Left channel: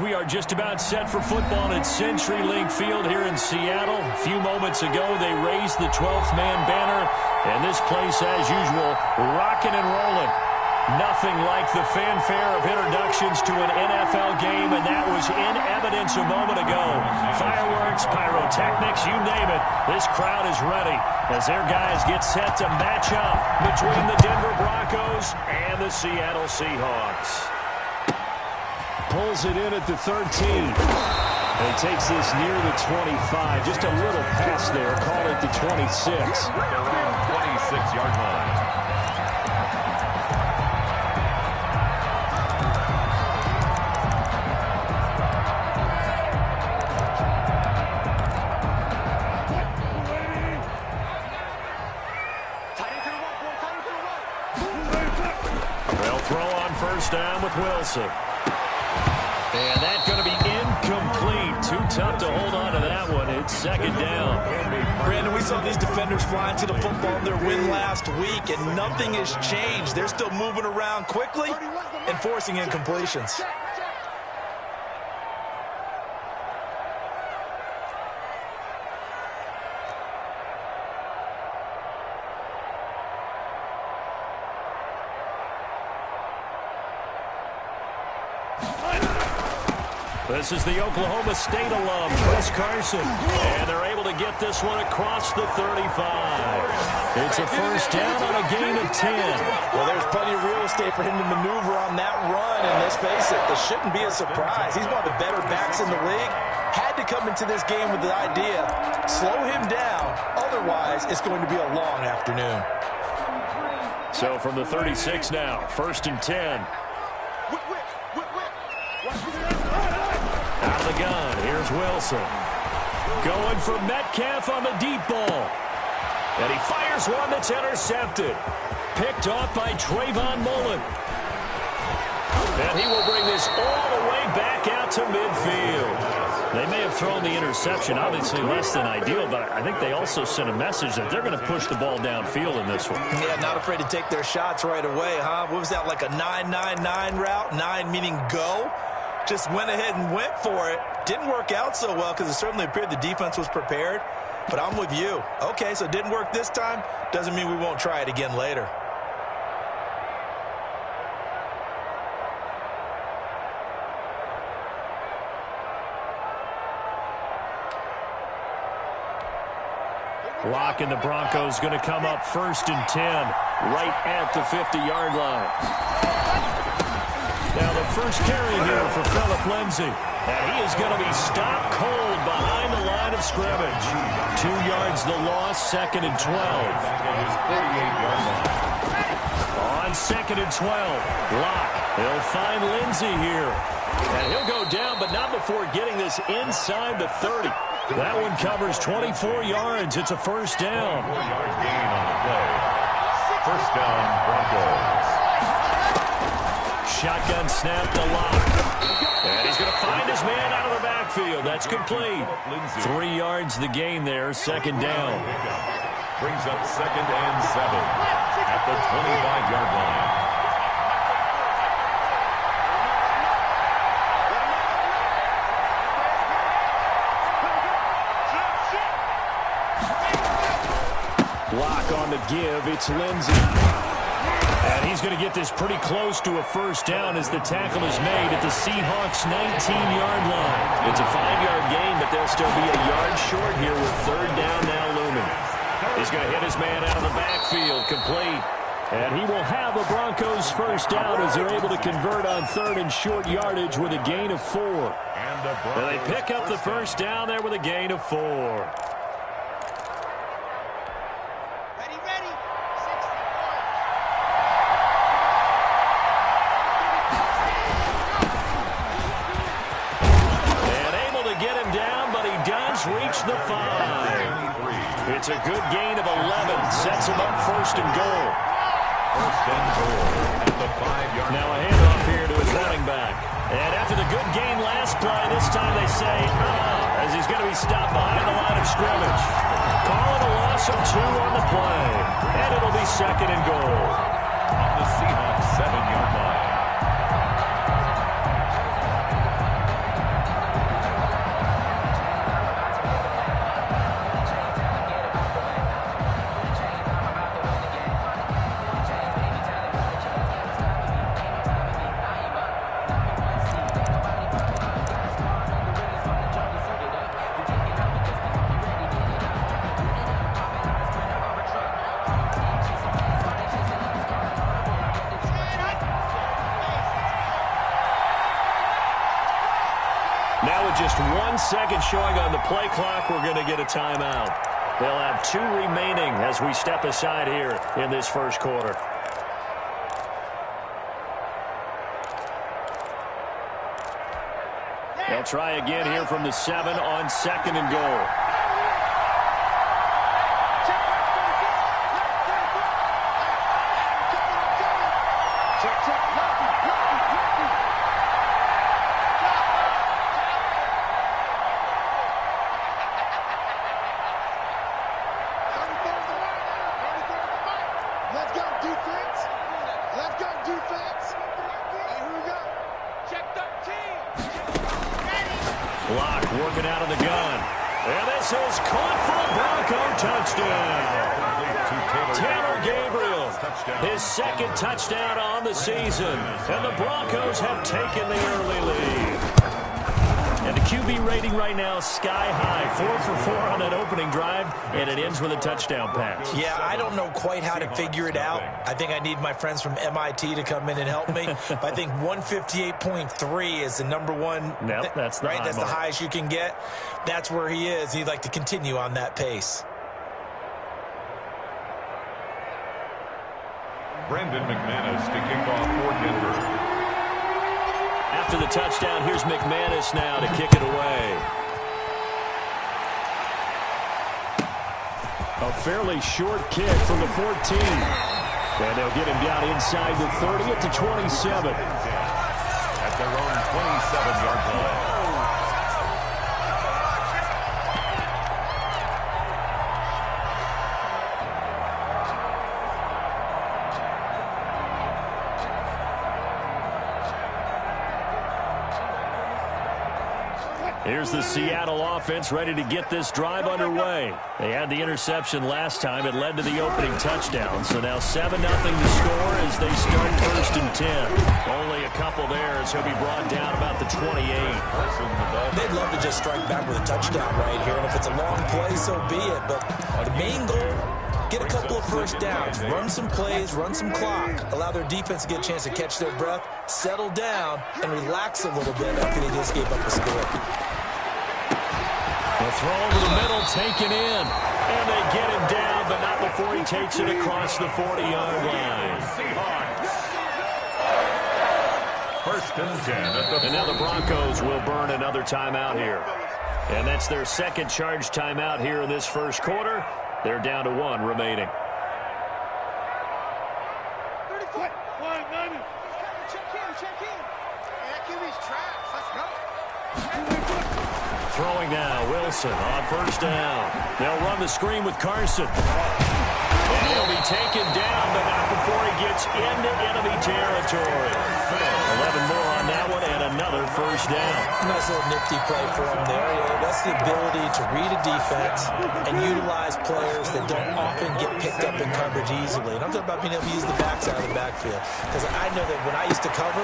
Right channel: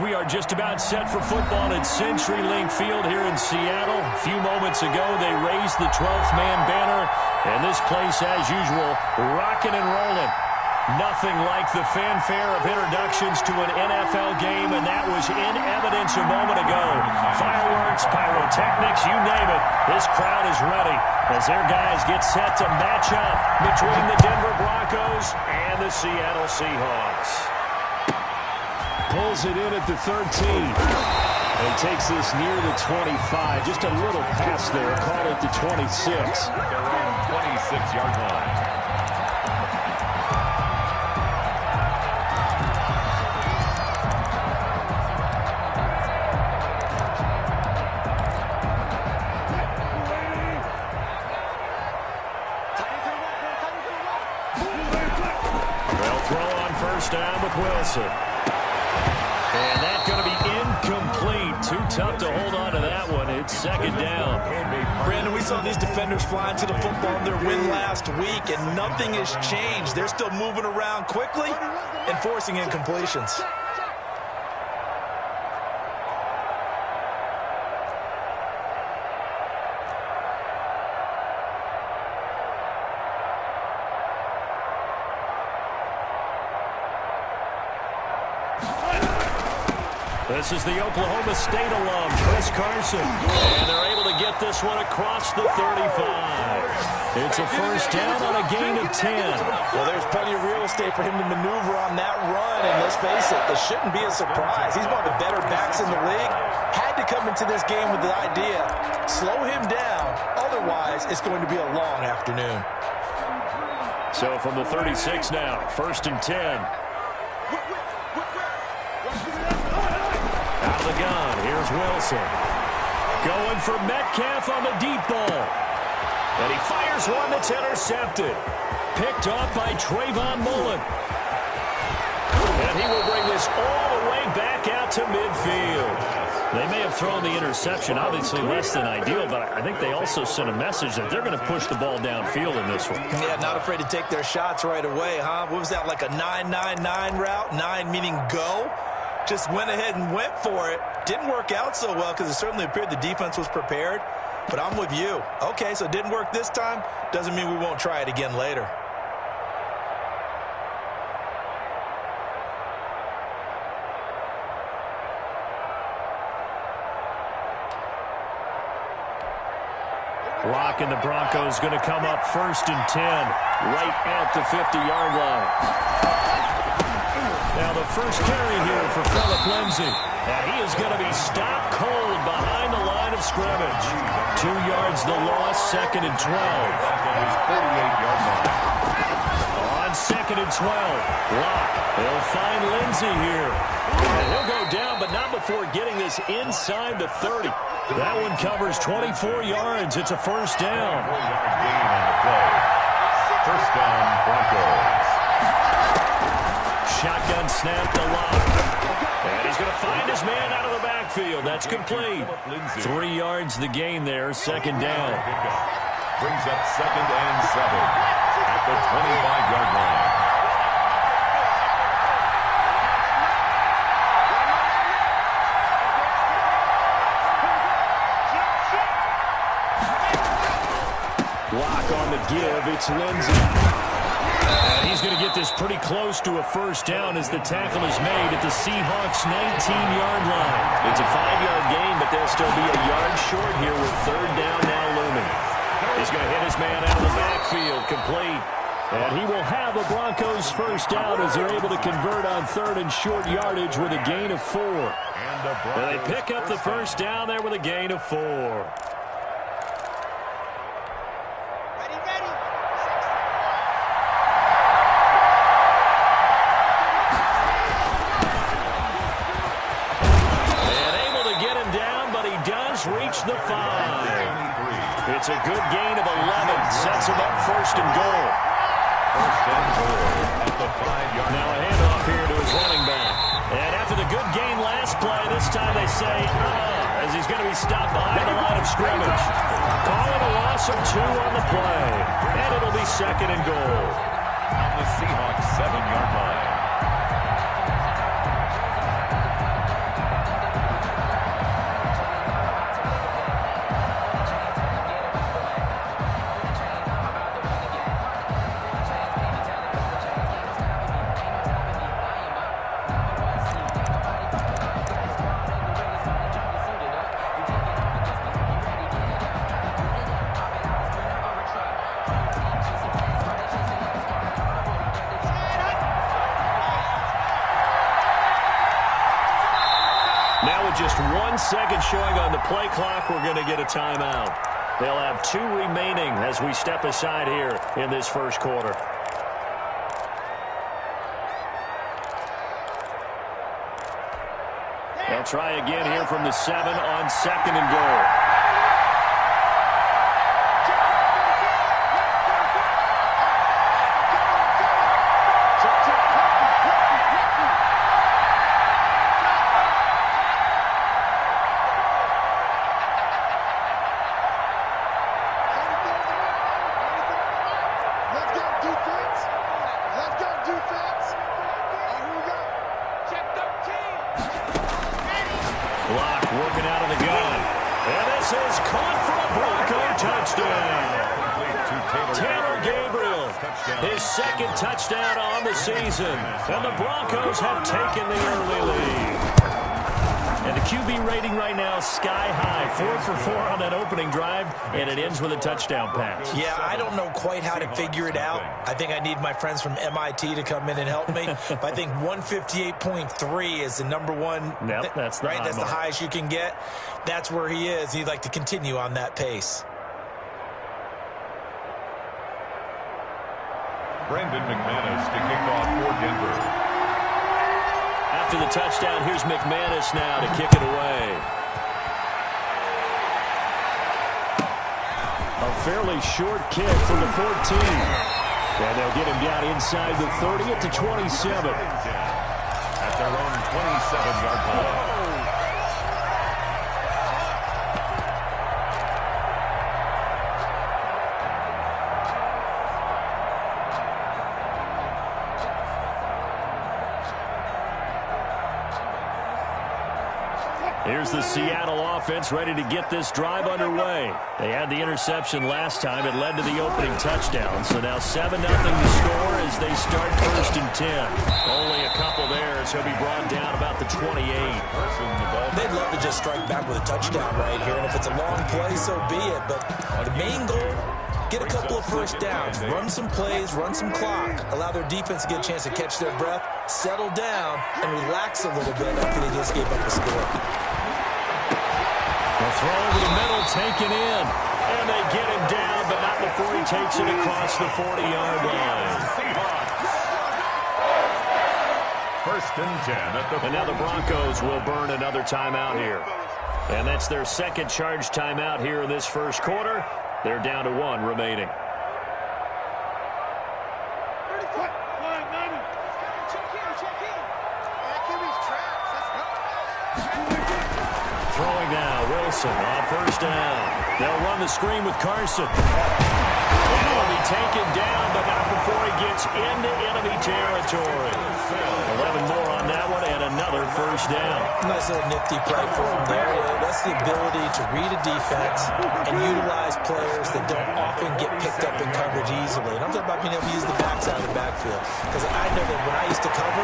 We are just about set for football at CenturyLink Field here in Seattle. A few moments ago, they raised the 12th man banner, and this place, as usual, rocking and rolling. Nothing like the fanfare of introductions to an NFL game, and that was in evidence a moment ago. Fireworks, pyrotechnics, you name it. This crowd is ready as their guys get set to match up between the Denver Broncos and the Seattle Seahawks. Pulls it in at the 13. And he takes this near the 25. Just a little pass there. Call it the 26. Their own 26-yard line. They'll throw on first down with Wilson. And that's going to be incomplete. Too tough to hold on to that one. It's second down. Brandon, we saw these defenders flying to the football in their win last week, and nothing has changed. They're still moving around quickly and forcing incompletions. This is the Oklahoma State alum, Chris Carson. And they're able to get this one across the 35. It's a first down on a gain of 10. Well, there's plenty of real estate for him to maneuver on that run. And let's face it, this shouldn't be a surprise. He's one of the better backs in the league. Had to come into this game with the idea, slow him down. Otherwise, it's going to be a long afternoon. So from the 36 now, first and 10. Out of the gun, here's Wilson. Going for Metcalf on the deep ball. And he fires one that's intercepted. Picked off by Trayvon Mullen. And he will bring this all the way back out to midfield. They may have thrown the interception, obviously less than ideal, but I think they also sent a message that they're going to push the ball downfield in this one. Yeah, not afraid to take their shots right away, huh? What was that, like a 9-9-9 route? 9 meaning go? Just went ahead and went for it. Didn't work out so well because it certainly appeared the defense was prepared. But I'm with you. Okay, so it didn't work this time. Doesn't mean we won't try it again later. Lock and the Broncos going to come up first and 10 right at the 50-yard line. Now the first carry here for Phillip Lindsay. And he is going to be stopped cold behind the line of scrimmage. 2 yards the loss, second and 12. His 48-yard line. On second and 12, Lock. They'll find Lindsay here. And he'll go down, but not before getting this inside the 30. That one covers 24 yards. It's a first down. 4-yard gain on the play. First down, Broncos. Shotgun snap to Lock. And he's going to find his man out of the backfield. That's complete. 3 yards the gain there, second down. Brings up second and 7 at the 25-yard line. Lock on the give. It's Lindsay. And he's going to get this pretty close to a first down as the tackle is made at the Seahawks' 19-yard line. It's a 5-yard gain, but they'll still be a yard short here with third down now looming. He's going to hit his man out of the backfield, complete. And he will have a Broncos first down as they're able to convert on third and short yardage with a gain of 4. And they pick up the first down there with a gain of 4. Reach the 5. It's a good gain of 11. Sets him up first and goal. First and goal at the 5-yard line. Now a handoff here to his running back. And after the good gain last play, this time they say, as he's going to be stopped behind the line of scrimmage. Call it a loss of 2 on the play. And it'll be second and goal. On the Seahawks 7-yard line. Now with just 1 second showing on the play clock, we're going to get a timeout. They'll have 2 remaining as we step aside here in this first quarter. They'll try again here from the 7 on 2nd and goal. Working out of the gun. And this is caught for a Bronco touchdown. Taylor Gabriel, his 2nd touchdown on the season. And the Broncos have taken the early lead. And the QB rating right now, sky high. 4 for 4 on that opening drive, and it ends with a touchdown pass. Yeah, I don't know quite how to figure it out. I think I need my friends from MIT to come in and help me. But I think 158.3 is the number one. Yep, that's the right. That's the highest you can get. That's where he is. He'd like to continue on that pace. Brendan McManus to kick off for Denver. After the touchdown, here's McManus now to kick it away. A fairly short kick from the 14. And they'll get him down inside the 30 at the 27. At their own 27-yard line. Here's the Seattle offense ready to get this drive underway. They had the interception last time. It led to the opening touchdown. So now 7-0 to score as they start 1st and 10. Only a couple there as he'll be brought down about the 28. They'd love to just strike back with a touchdown right here. And if it's a long play, so be it. But the main goal, get a couple of first downs, run some plays, run some clock, allow their defense to get a chance to catch their breath, settle down, and relax a little bit after they just gave up a score. The throw over the middle taken in. And they get him down, but not before he takes it across the 40-yard line. Seahawks. 1st and 10 at the 40. And now the Broncos will burn another timeout here. And that's their 2nd charge timeout here in this first quarter. They're down to 1 remaining. 30 foot. Flying 90. Check in. Yeah, QB's tracks. Let's go. Throwing now, Wilson on 1st down. They'll run the screen with Carson. And he'll be taken down, but not before he gets into enemy territory. 11 more on that one, and another 1st down. Nice little nifty play for him there. Yeah, that's the ability to read a defense and utilize players that don't often get picked up in coverage easily. And I'm talking about being able to use the backside of the backfield. Because I know that when I used to cover,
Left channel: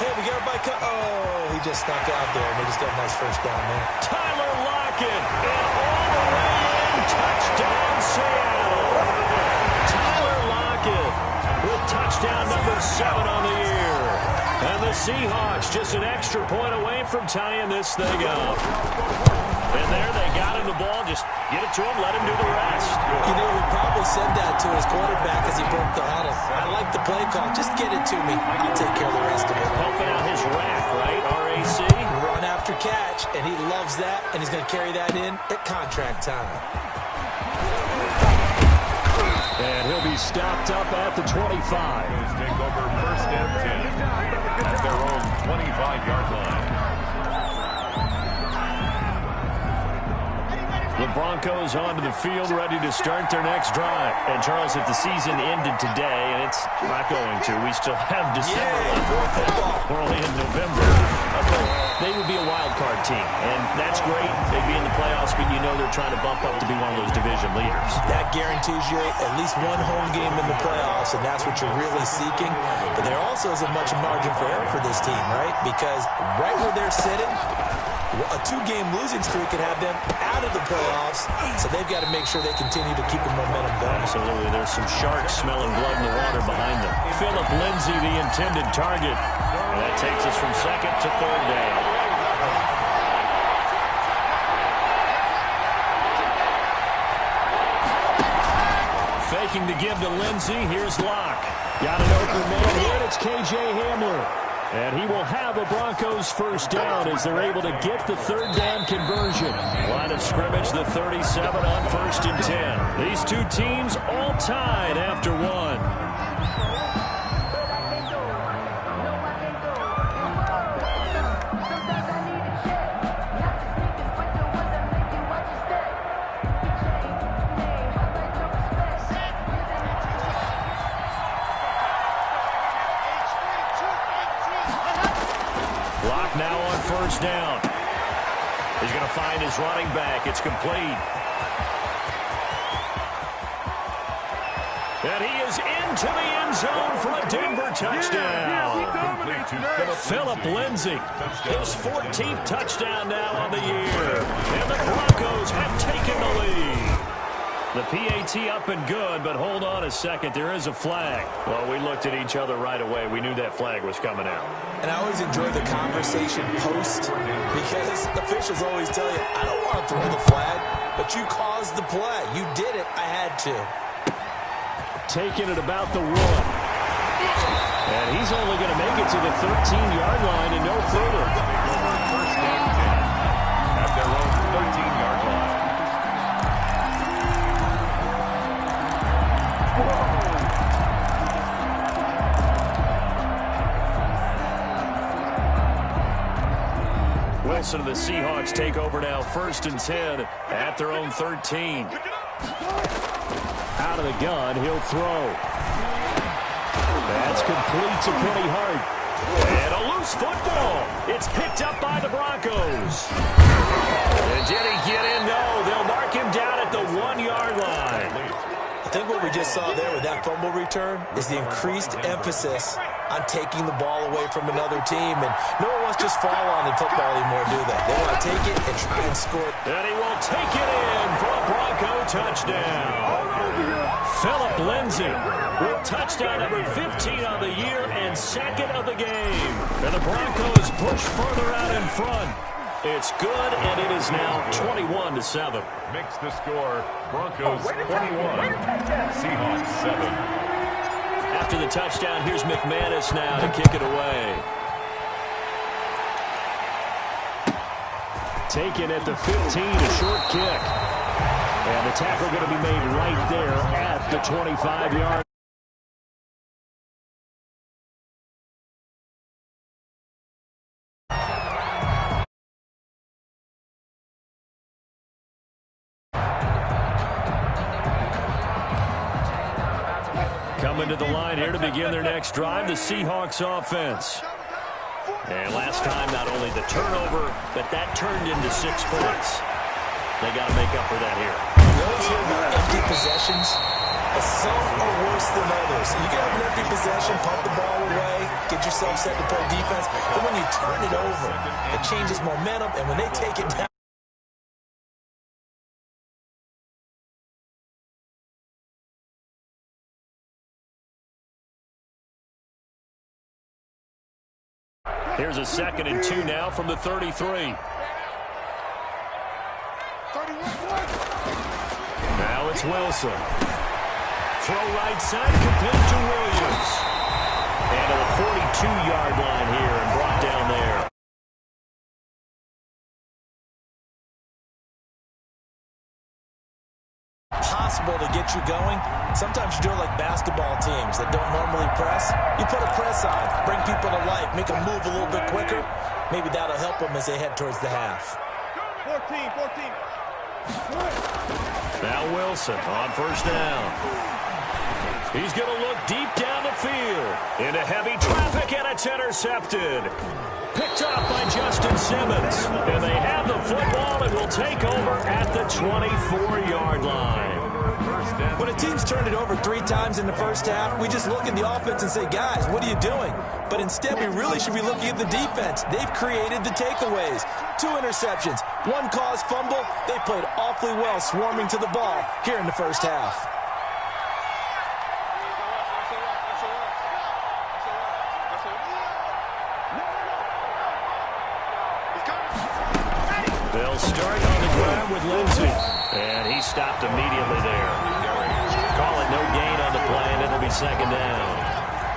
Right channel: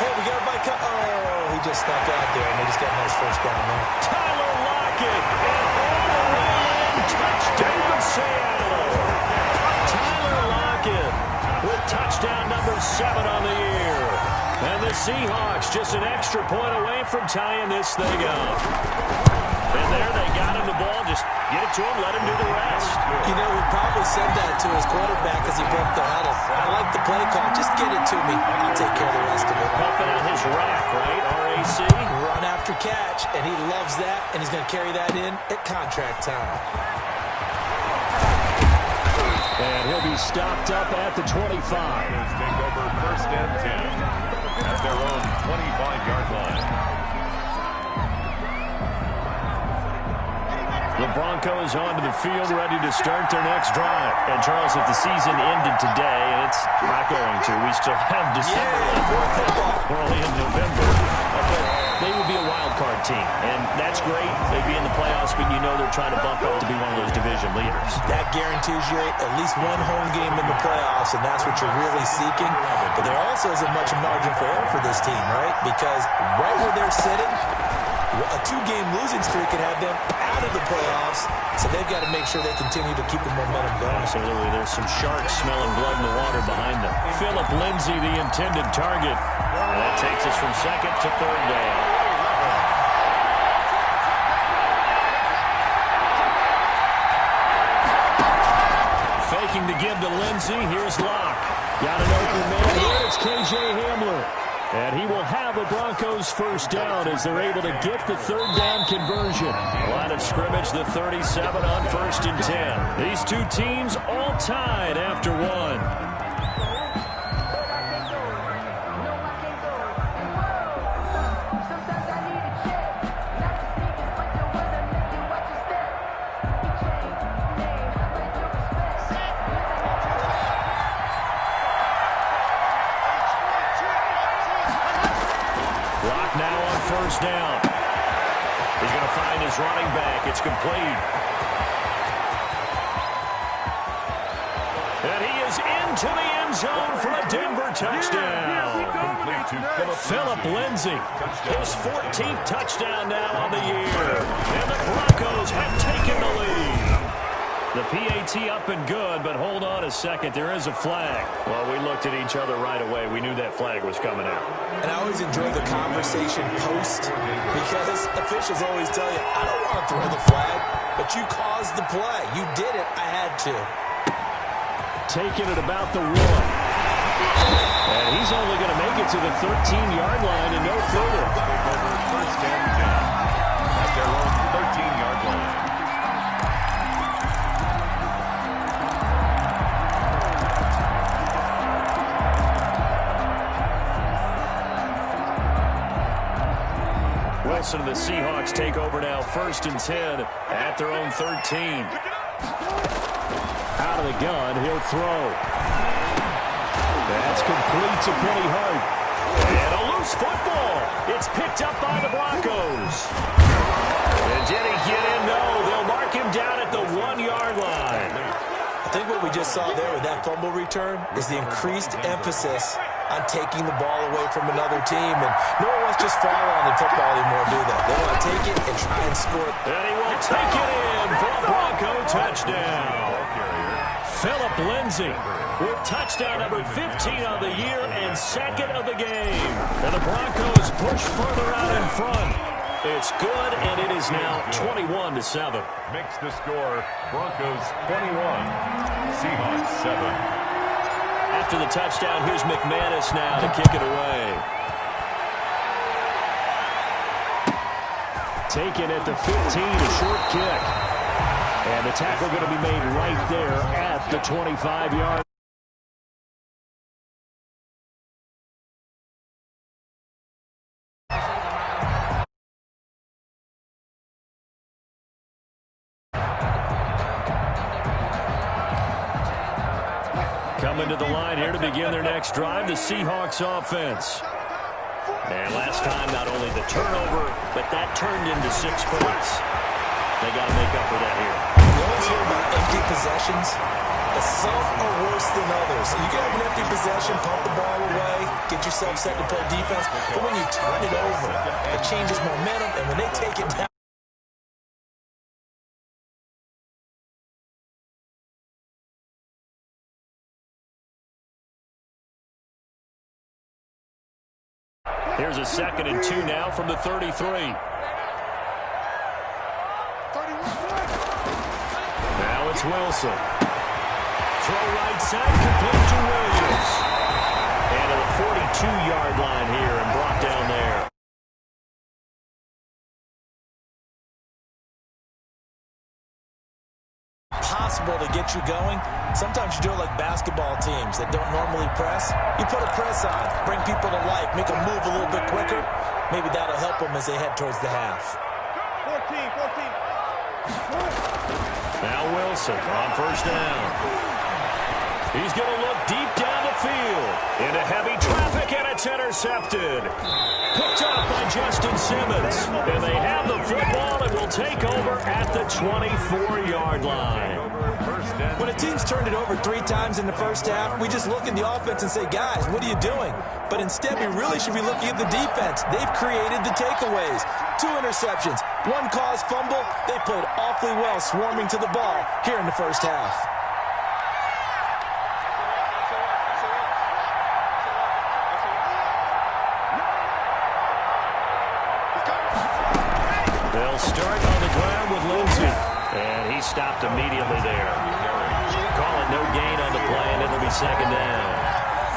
hey, we got everybody oh, he just snuck out there, and they just got a nice 1st down there. Tyler Lockett, and all the way in, touchdown Seattle. Tyler Lockett with touchdown number 7 on the year. And the Seahawks just an extra point away from tying this thing up. And there they got him the ball. Just get it to him, let him do the rest. You know, he probably said that to his quarterback as he broke the huddle. I like the play call. Just get it to me. I'll take care of the rest of it. Helping out his rack, right? RAC. Run after catch, and he loves that, and he's going to carry that in at contract time. And he'll be stopped up at the 25. Take over 1st and 10 at their own 25-yard line. The Broncos onto the field, ready to start their next drive. And, Charles, if the season ended today, and it's not going to, we still have December left. We're only in November. But they would be a wild card team, and that's great. They'd be in the playoffs, but you know they're trying to bump up to be one of those division leaders. That guarantees you at least one home game in the playoffs, and that's what you're really seeking. But there also isn't much margin for error for this team, right? Because right where they're sitting, a 2-game losing streak could have them out of the playoffs, so they've got to make sure they continue to keep the momentum going. Absolutely. There's some sharks smelling blood in the water behind them. Philip Lindsay, the intended target. And that takes us from 2nd to 3rd down. Faking the give to Lindsey. Here's Locke. Got an open man here. It's K.J. Hamler. And he will have a Broncos first down as they're able to get the third down conversion. Line of scrimmage, the 37 on 1st and 10. These two teams all tied after one. Now on first down. He's going to find his running back. It's complete. And he is into the end zone for a Denver touchdown. Philip Lindsay, his 14th touchdown now on the year. And the Broncos have taken the lead. The PAT up and good, but hold on a second. There is a flag. Well, we looked at each other right away. We knew that flag was coming out. And I always enjoy the conversation post because officials always tell you, I don't want to throw the flag, but you caused the play. You did it. I had to. Taking it about the 1. And he's only going to make it to the 13-yard line and no further. Take over 1st and 10 at their own 13-yard line. Wilson and the Seahawks take over now 1st and 10 at their own 13. Out of the gun, he'll throw. That's complete to Diehard. And a loose football. It's picked up by the Broncos. And did he get in? No, they'll mark him down at the 1-yard line. I think what we just saw there with that fumble return is the increased emphasis on taking the ball away from another team. And no one wants to just fall on in football anymore, do they? They want to take it and try and score it. And he will take it in for a Bronco touchdown. Philip Lindsay with touchdown number 15 on the year and 2nd of the game. And the Broncos push further out in front. It's good, and it is now 21-7. Makes the score Broncos 21, Seahawks 7. After the touchdown, here's McManus now to kick it away. Taken at the 15, a short kick. And the tackle going to be made right there at the 25-yard. Coming to the line here to begin their next drive, the Seahawks offense. And last time, not only the turnover, but that turned into 6 points. They got to make up for that here. We always hear about empty possessions, but some are worse than others. You can have an empty possession, pump the ball away, get yourself set to play defense, but when you turn it over, it changes momentum, and when they take it down, here's a 2nd and 2 now from the 33. Now it's Wilson. Throw right side, complete to Williams. And to the 42-yard line here and brought down there. Possible to get you going. Sometimes you do it like basketball teams that don't normally press. You put a press on, bring people to life, make them move a little bit quicker. Maybe that'll help them as they head towards the half. 14. Now Wilson on first down. He's going to look deep down the field. Into heavy traffic, and it's intercepted. Picked up by Justin Simmons. And they have the football and will take over at the 24-yard line. When a team's turned it over 3 times in the first half, we just look at the offense and say, guys, what are you doing? But instead, we really should be looking at the defense. They've created the takeaways. 2 interceptions, 1 caused fumble. They played awfully well swarming to the ball here in the first half. They'll start on the ground with Lindsey. And he stopped immediately there. call it no gain on the play, and it'll be second down.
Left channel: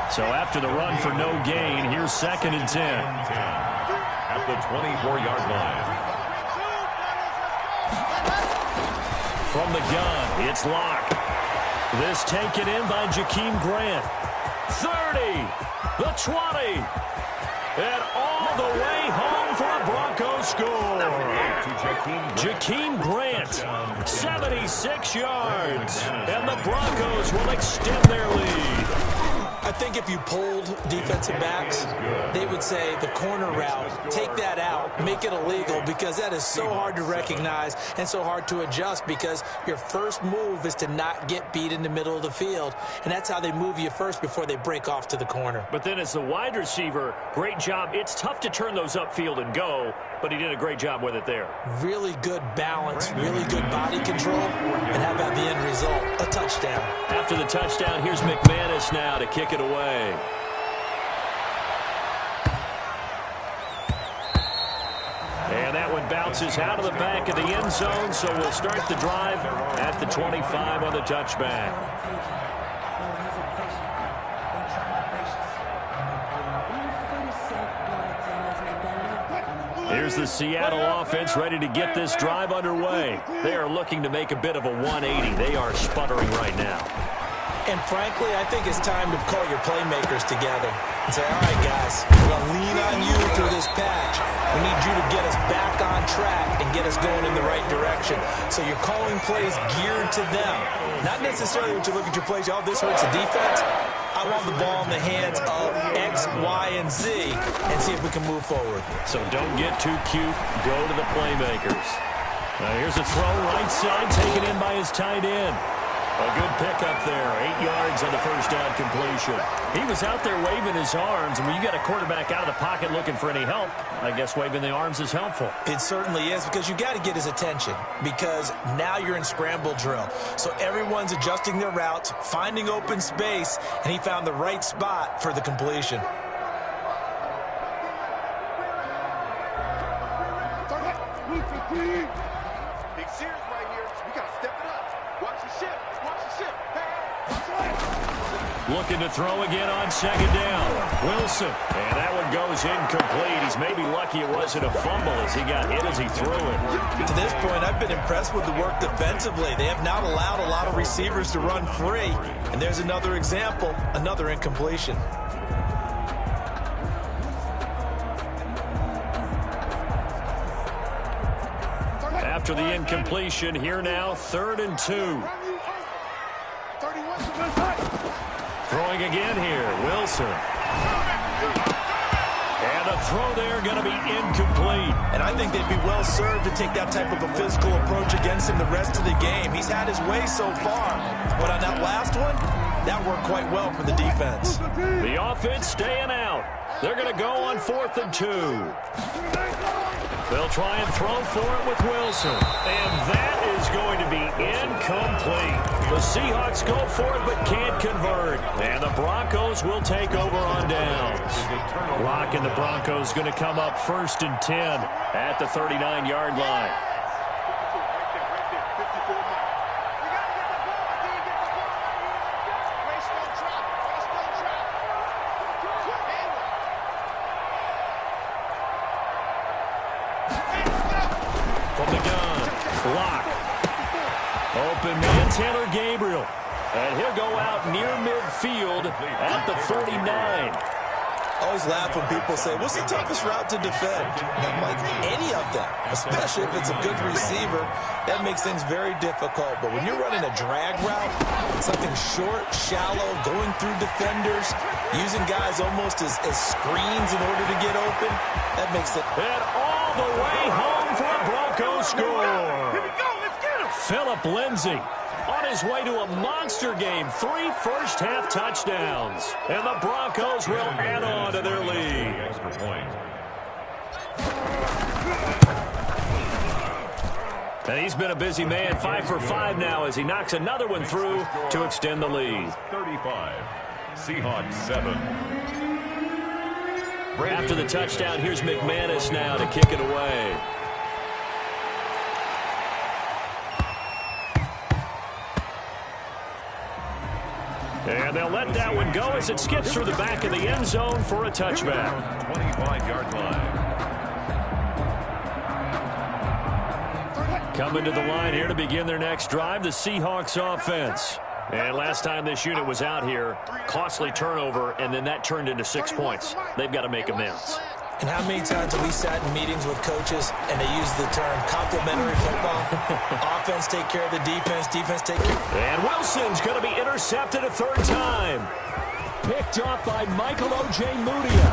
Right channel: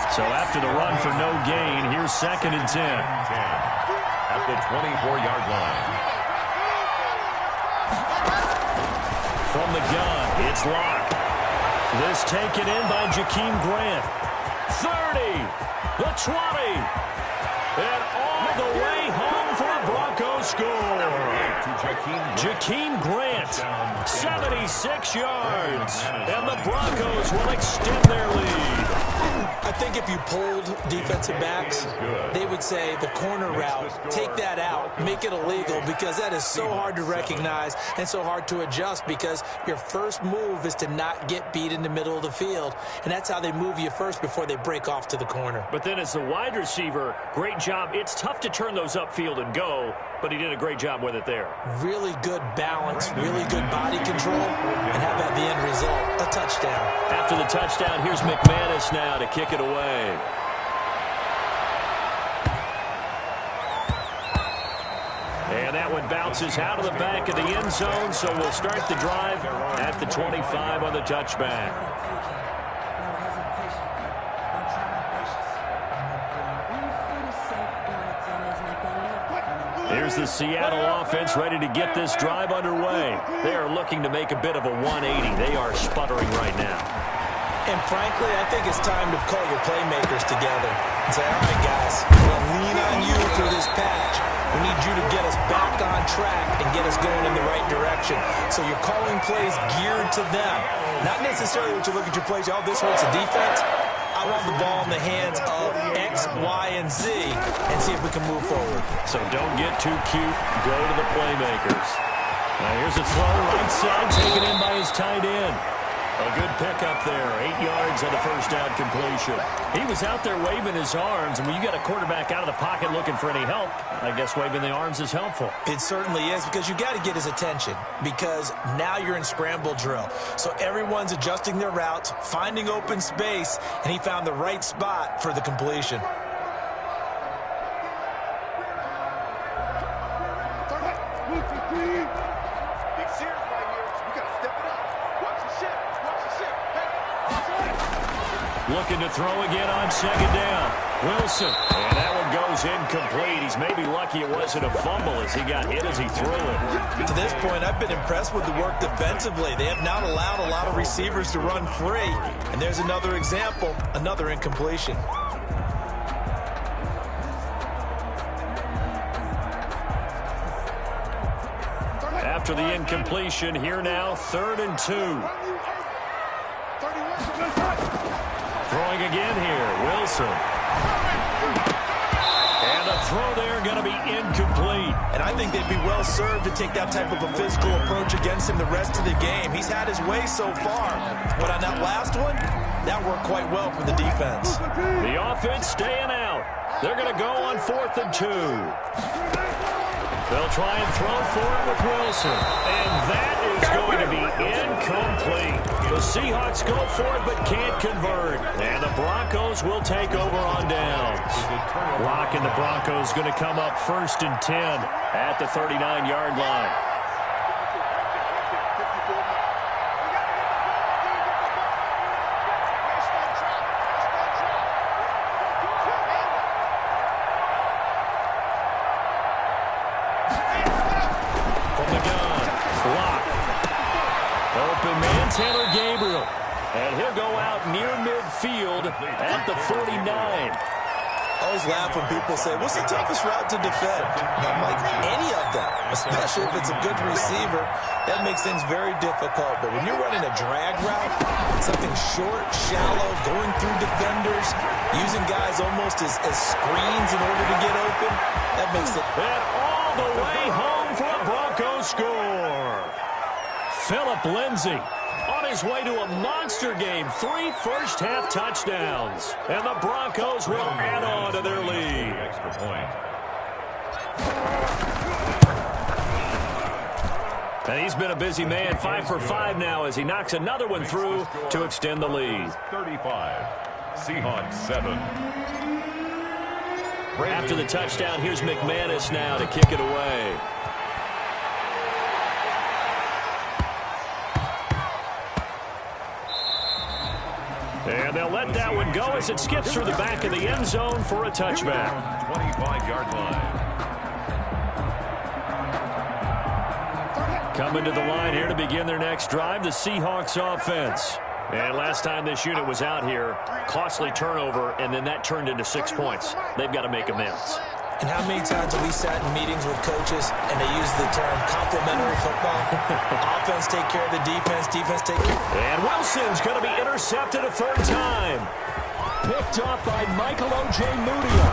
So after the run for no gain, here's 2nd and 10. At the 24-yard line. From the gun, it's Locke. This taken in by Jakeem Grant. 30, the 20, and all the way home for a Broncos score. Jakeem Grant, 76 yards, and the Broncos will extend their lead. I think if you polled defensive backs, they would say the corner route, take that out, make it illegal, because that is so hard to recognize and so hard to adjust, because your first move is to not get beat in the middle of the field, and that's how they move you first before they break off to the corner. But then as the wide receiver, great job. It's tough to turn those upfield and go, but he did a great job with it there. Really good balance, really good body control, and how about the end result? A touchdown. After the touchdown, here's McManus now to kick it away. And that one bounces out of the back of the end zone, so we'll start the drive at the 25 on the touchback. Here's the Seattle offense ready to get this drive underway. They are looking to make a bit of a 180. They are sputtering right now. And frankly, I think it's time to call your playmakers together and say, all right, guys, we're going to lean on you through this patch. We need you to get us back on track and get us going in the right direction. So you're calling plays geared to them. Not necessarily when you look at your plays, oh, this hurts the defense. I want the ball in the hands of X, Y, and Z and see if we can move forward. So don't get too cute. Go to the playmakers. Now here's a throw right side, taken in by his tight end. A good pickup there, 8 yards on the first down completion. He was out there waving his arms, and when you got a quarterback out of the pocket looking for any help, I guess waving the arms is helpful. It certainly is, because you got to get his attention, because now you're in scramble drill. So everyone's adjusting their routes, finding open space, and he found the right spot for the completion. Big series right here. We got to step it up. Watch the ship. Watch the ship. Hey, watch the way. Looking to throw again on second down. Wilson. And that one goes incomplete. He's maybe lucky it wasn't a fumble as he got hit as he threw it. To this point, I've been impressed with the work defensively. They have not allowed a lot of receivers to run free. And there's another example, another incompletion. After the incompletion, here now, 3rd and 2. Throwing again here, Wilson. And the throw there going to be incomplete. And I think they'd be well served to take that type of a physical approach against him the rest of the game. He's had his way so far. But on that last one, that worked quite well for the defense. The offense staying out. They're going to go on 4th and 2. They'll try and throw for it with Wilson. And that is going to be incomplete. The Seahawks go for it but can't convert. And the Broncos will take over on downs. Locke and the Broncos going to come up 1st and 10 at the 39-yard line. Open man, Taylor Gabriel. And he'll go out near midfield at the 49. I always laugh when people say, what's the toughest route to defend? And I'm like, any of them, especially if it's a good receiver. That makes things very difficult. But when you're running a drag route, something short, shallow, going through defenders, using guys almost as screens in order to get open, that makes it. And all the way home for a Broncos score. Phillip Lindsay on his way to a monster game. 3 first-half touchdowns. And the Broncos will add on to their lead. Extra point. And he's been a busy man, 5 for 5 now as he knocks another one through to extend the lead. 35. Seahawks 7. After the touchdown, here's McManus now to kick it away. And they'll let that one go as it skips through the back of the end zone for a touchback. 25-yard line. Coming to the line here to begin their next drive, the Seahawks offense. And last time this unit was out here, costly turnover, and then that turned into 6 points. They've got to make amends. And how many times have we sat in meetings with coaches and they use the term complementary football? Offense take care of the defense, defense take care. And Wilson's going to be intercepted a third time. Picked off by Michael O.J. Mudia.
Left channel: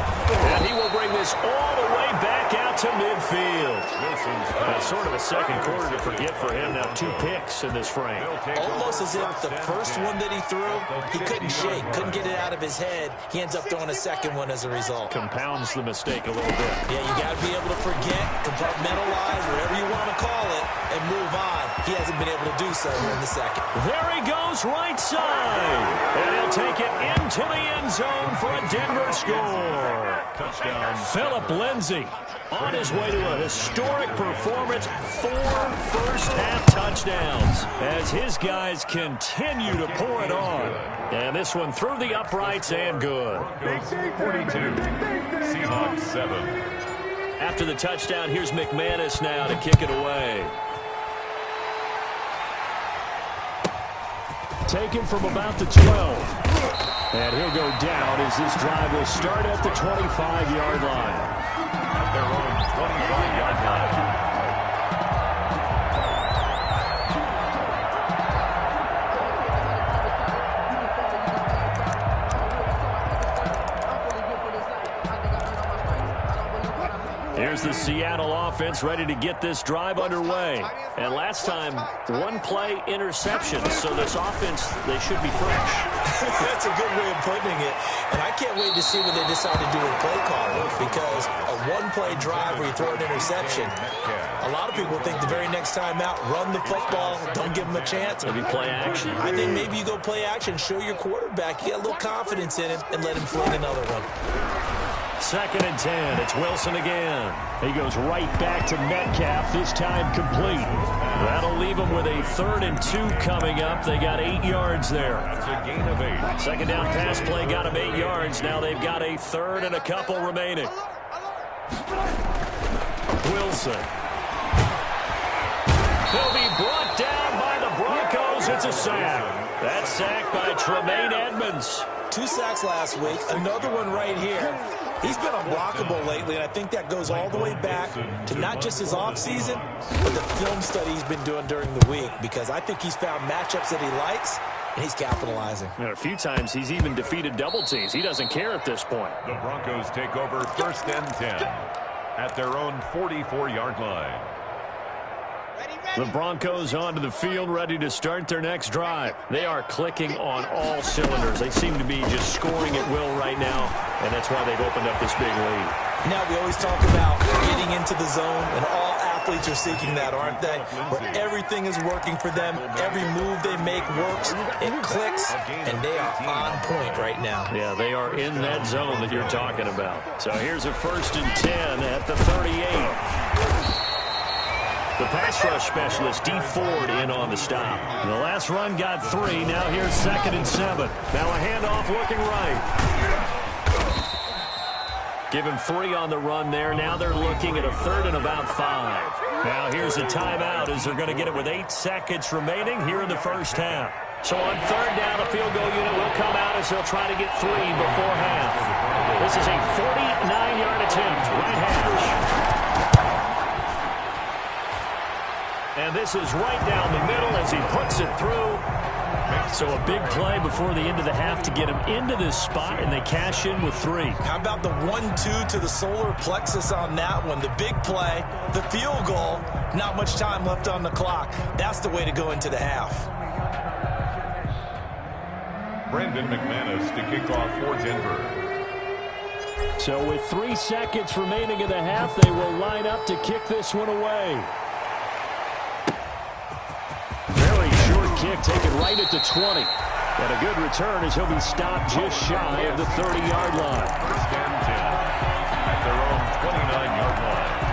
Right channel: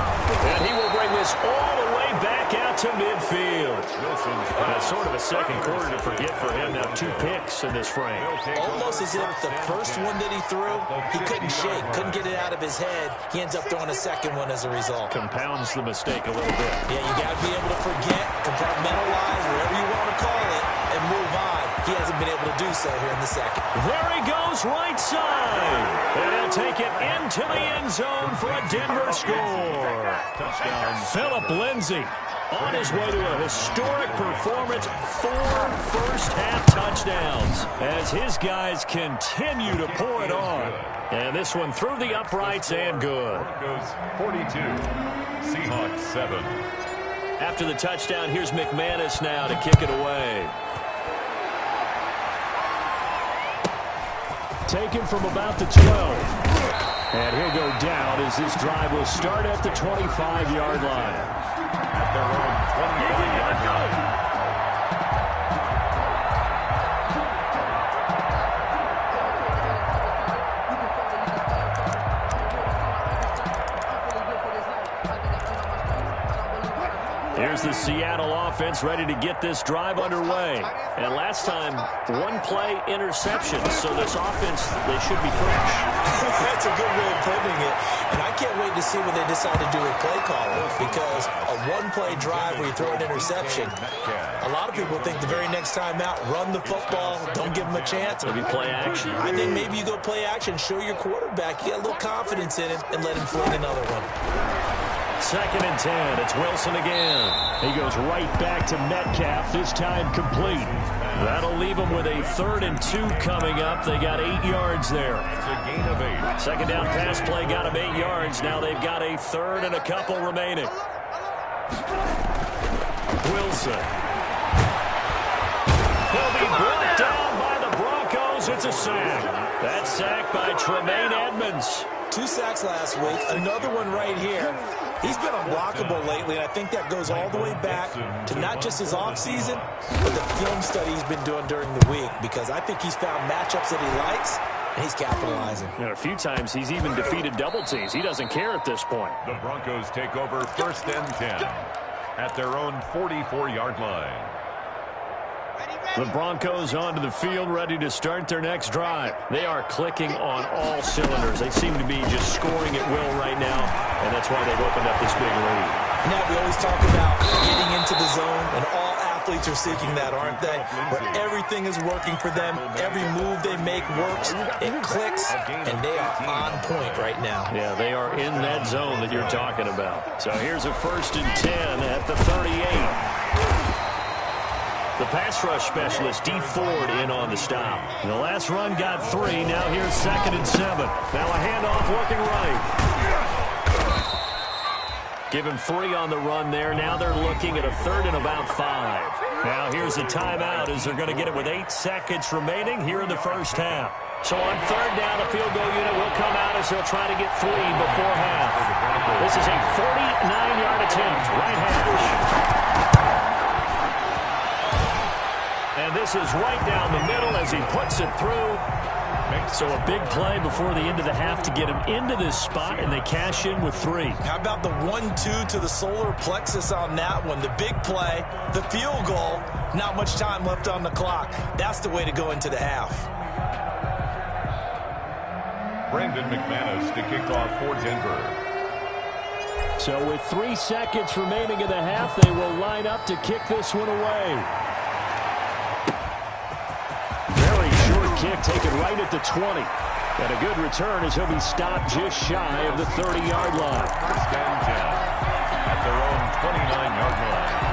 And he will bring this all the way back out to midfield. That's sort of a second quarter to forget for him. Now 2 picks in this frame. Almost as if the first one that he threw, he couldn't shake, couldn't get it out of his head. He ends up throwing a second one as a result. Compounds the mistake a little bit. Yeah, you got to be able to forget, compartmentalize, whatever you want to call it, and move on. He hasn't been able to do so here in the second. There he goes, right side. And he'll take it into the end zone for a Denver score. Touchdown. Philip Lindsay on his way to a historic performance, 4 first-half touchdowns as his guys continue to pour it on. And this one through the uprights and good. Broncos 42, Seahawks 7. After the touchdown, here's McManus now to kick it away. Taken from about the 12. And he'll go down as this drive will start at the 25-yard line. At their own 25-yard line. Here's the Seattle offense ready to get this drive underway. And last time, 1-play interception. So this offense, they should be fresh. That's a good way of putting it. And I can't wait to see what they decide to do with play calling, because a 1-play drive where you throw an interception, a lot of people think the very next time out, run the football, don't give them a chance. Maybe play action. I think maybe you go play action, show your quarterback, you got a little confidence in him, and let him fling another one. 2nd and 10. It's Wilson again. He goes right back to Metcalf, this time complete. That'll leave him with a 3rd and 2 coming up. They got 8 yards there. That's a gain of 8. Second down pass play got him 8 yards. Now they've got a 3rd and a couple remaining. Wilson. He'll be brought down by the Broncos. It's a sack. That's sacked by Tremaine Edmonds. 2 sacks last week, another one right here. He's been unblockable lately, and I think that goes all the way back to not just his offseason, but the film study he's been doing during the week, because I think he's found matchups that he likes, and he's capitalizing. A few times he's even defeated double teams. He doesn't care at this point. The Broncos take over 1st and 10 at their own 44-yard line. The Broncos onto the field, ready to start their next drive. They are clicking on all cylinders. They seem to be just scoring at will right now, and that's why they've opened up this big lead. Now, we always talk about getting into the zone, and all athletes are seeking that, aren't they? Where everything is working for them, every move they make works, it clicks, and they are on point right now. Yeah, they are in that zone that you're talking about. So here's a 1st and 10 at the 38. The pass rush specialist, D. Ford, in on the stop. The last run got 3. Now here's 2nd and 7. Now a handoff looking right. Give him 3 on the run there. Now they're looking at a 3rd and about 5. Now here's a timeout as they're going to get it with 8 seconds remaining here in the first half. So on 3rd down, the field goal unit will come out as they'll try to get 3 before half. This is a 49-yard attempt, right hash. And this is right down the middle as he puts it through. So a big play before the end of the half to get him into this spot, and they cash in with 3. How about the 1-2 to the solar plexus on that one? The big play, the field goal, not much time left on the clock. That's the way to go into the half. Brandon McManus to kick off for Denver. So with 3 seconds remaining in the half, they will line up to kick this one away. Very short kick taken right at the 20. And a good return as he'll be stopped just shy of the 30-yard line. 1st and 10 at their own 29-yard line.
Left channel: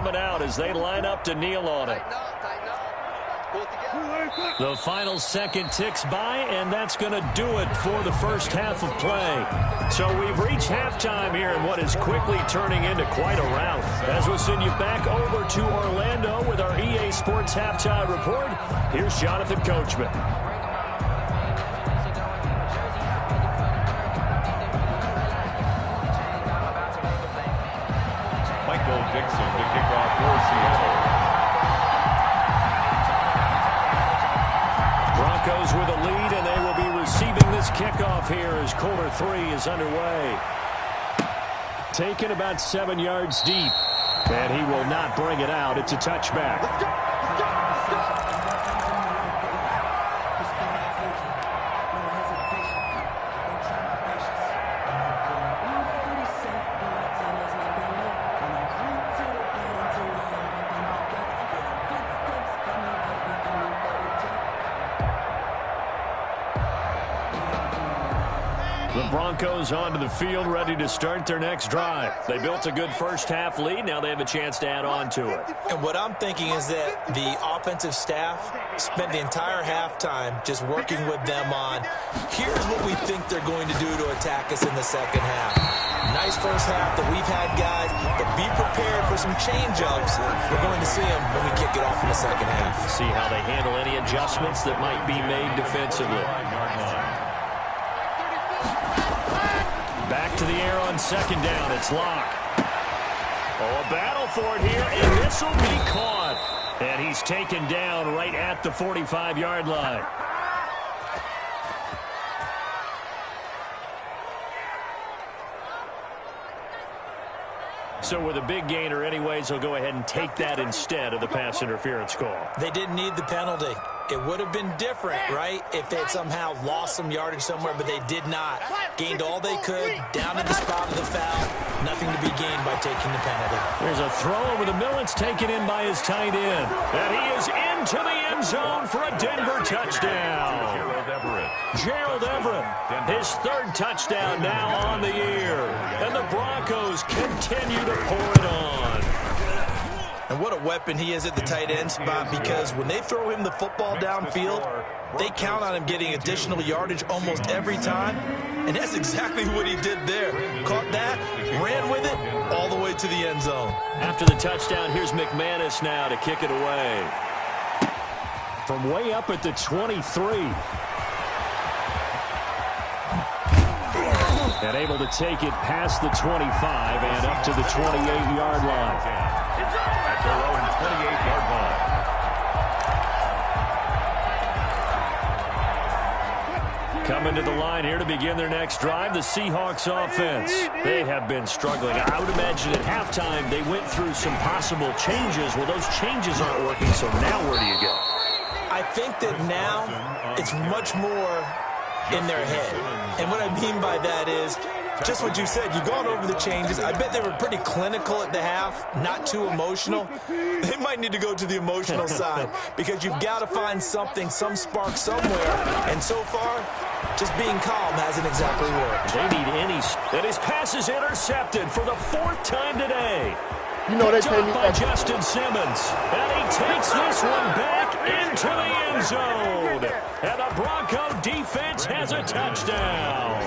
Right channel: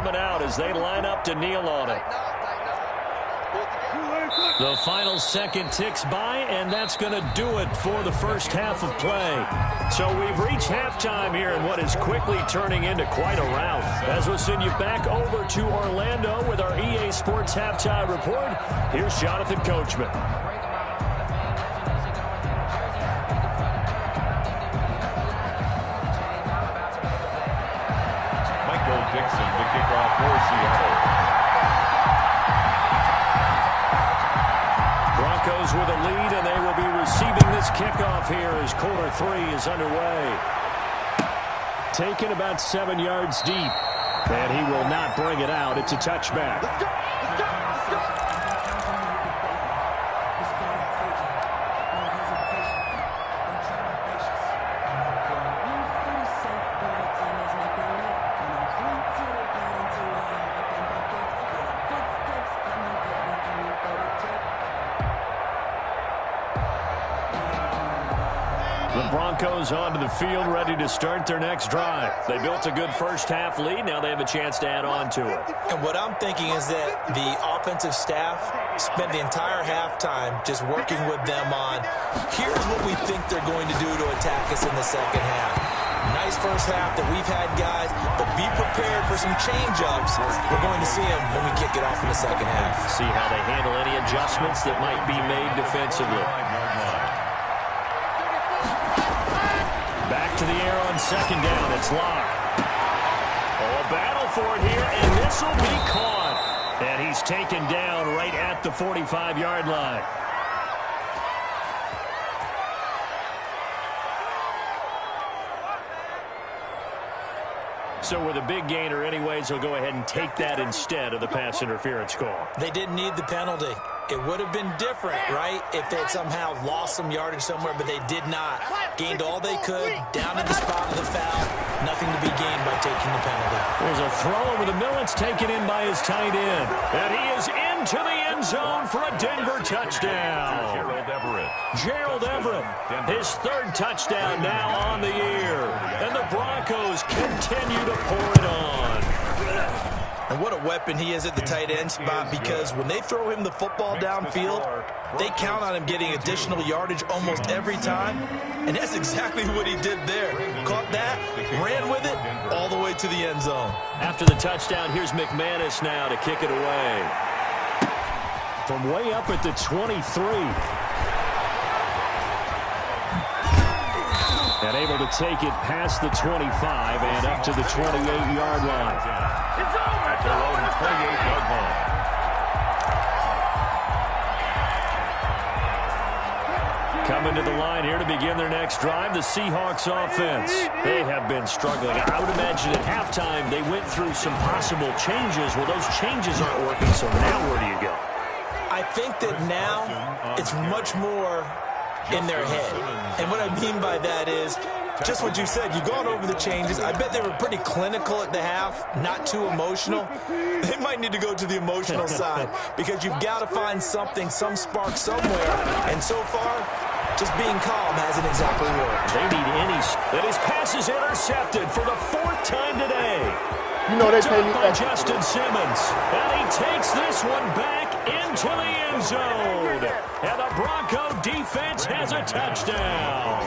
coming out as they line up to kneel on it. The final second ticks by, and that's going to do it for the first half of play. So we've reached halftime here in what is quickly turning into quite a rout. As we'll send you back over to Orlando with our EA Sports Halftime Report, here's Jonathan Coachman. Michael Dixon to kick off for Seattle. Broncos with a lead, and they will be receiving this kickoff here as quarter 3 is underway. Taken about 7 yards deep, and he will not bring it out. It's a touchback. Let's go! Let's go! Let's go! The Broncos onto the field, ready to start their next drive. They built a good first-half lead. Now they have a chance to add on to it. And what I'm thinking is that the offensive staff spent the entire halftime just working with them on, here's what we think they're going to do to attack us in the second half. Nice first half that we've had, guys, but be prepared for some change-ups. We're going to see them when we kick it off in the second half. See how they handle any adjustments that might be made defensively. Back to the air on second down. It's Locke. Oh, a battle for it here, and this will be caught. And he's taken down right at the 45-yard line. So with a big gainer anyways, he'll go ahead and take that instead of the pass interference call. They didn't need the penalty. It would have been different, right, if they had somehow lost some yardage somewhere, but they did not. Gained all they could, down to the spot of the foul. Nothing to be gained by taking the penalty. There's a throw over the middle. It's taken in by his tight end. And he is into the end zone for a Denver touchdown. Gerald Everett, his third touchdown now on the year. And the Broncos continue to pour it on. And what a weapon he is at the tight end spot, because when they throw him the football downfield, they count on him getting additional yardage almost every time. And that's exactly what he did there. Caught that, ran with it, all the way to the end zone. After the touchdown, here's McManus now to kick it away. From way up at the 23. And able to take it past the 25 and up to the 28-yard line. At their own 28-yard line. Coming to the line here to begin their next drive, the Seahawks offense. They have been struggling. I would imagine at halftime they went through some possible changes. Well, those changes aren't working, so now where do you go? I think that now it's much more in their head. And what I mean by that is just what you said. You've gone over the changes. I bet they were pretty clinical at the half, not too emotional. They might need to go to the emotional side, because you've got to find something, some spark somewhere. And so far, just being calm hasn't exactly worked. They need any. And his pass is intercepted for the 4th time today. You know they pay me by Justin Simmons. And he takes this one back into the end zone. And the Bronco defense has a touchdown.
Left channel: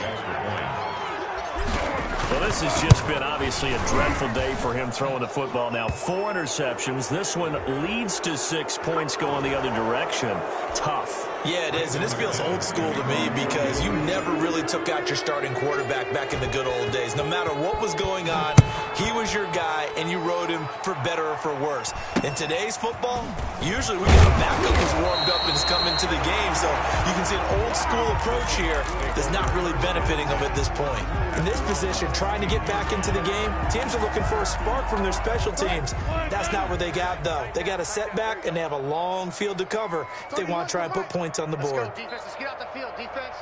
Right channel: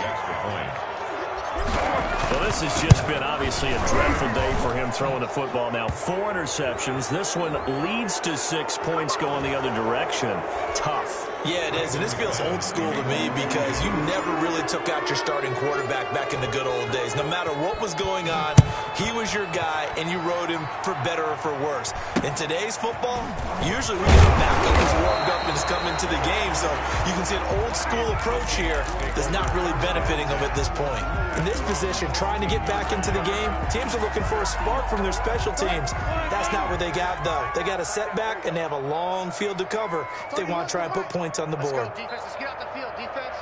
Well, this has just been obviously a dreadful day for him throwing the football. Now 4 interceptions. This one leads to 6 points going the other direction. Tough. Yeah, it is, and this feels old school to me, because you never really took out your starting quarterback back in the good old days. No matter what was going on, he was your guy, and you rode him for better or for worse. In today's football, usually we get a backup who's warmed up and has come into the game, so you can see an old school approach here that's not really benefiting them at this point. In this position, trying to get back into the game, teams are looking for a spark from their special teams. That's not what they got, though. They got a setback, and they have a long field to cover if they want to try and put points on the board. Let's go, defense. Let's get out the field, defense.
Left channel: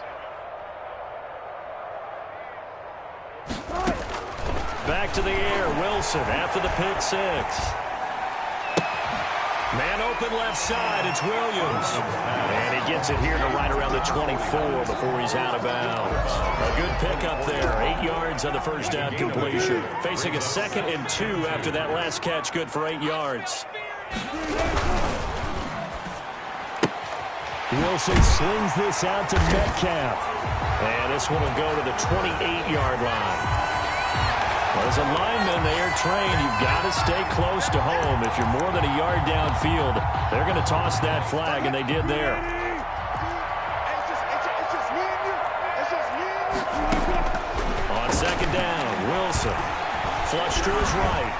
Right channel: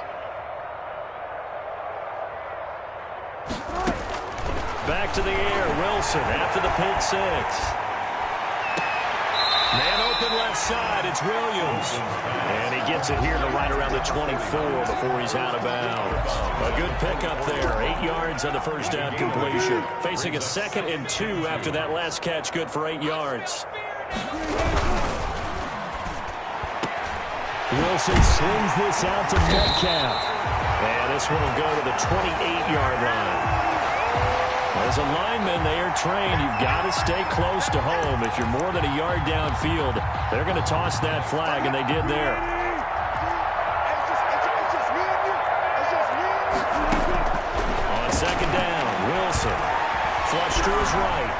Back to the air, Wilson after the pick 6. Man open left side, it's Williams. And he gets it here to right around the 24 before he's out of bounds. A good pickup there, 8 yards on the first down completion. Facing a 2nd and 2 after that last catch, good for 8 yards. Wilson slings this out to Metcalf. And this one will go to the 28-yard line. Well, as a lineman, they are trained. You've got to stay close to home. If you're more than a yard downfield, they're going to toss that flag, and they did there. On 2nd down, Wilson. Flush to his right.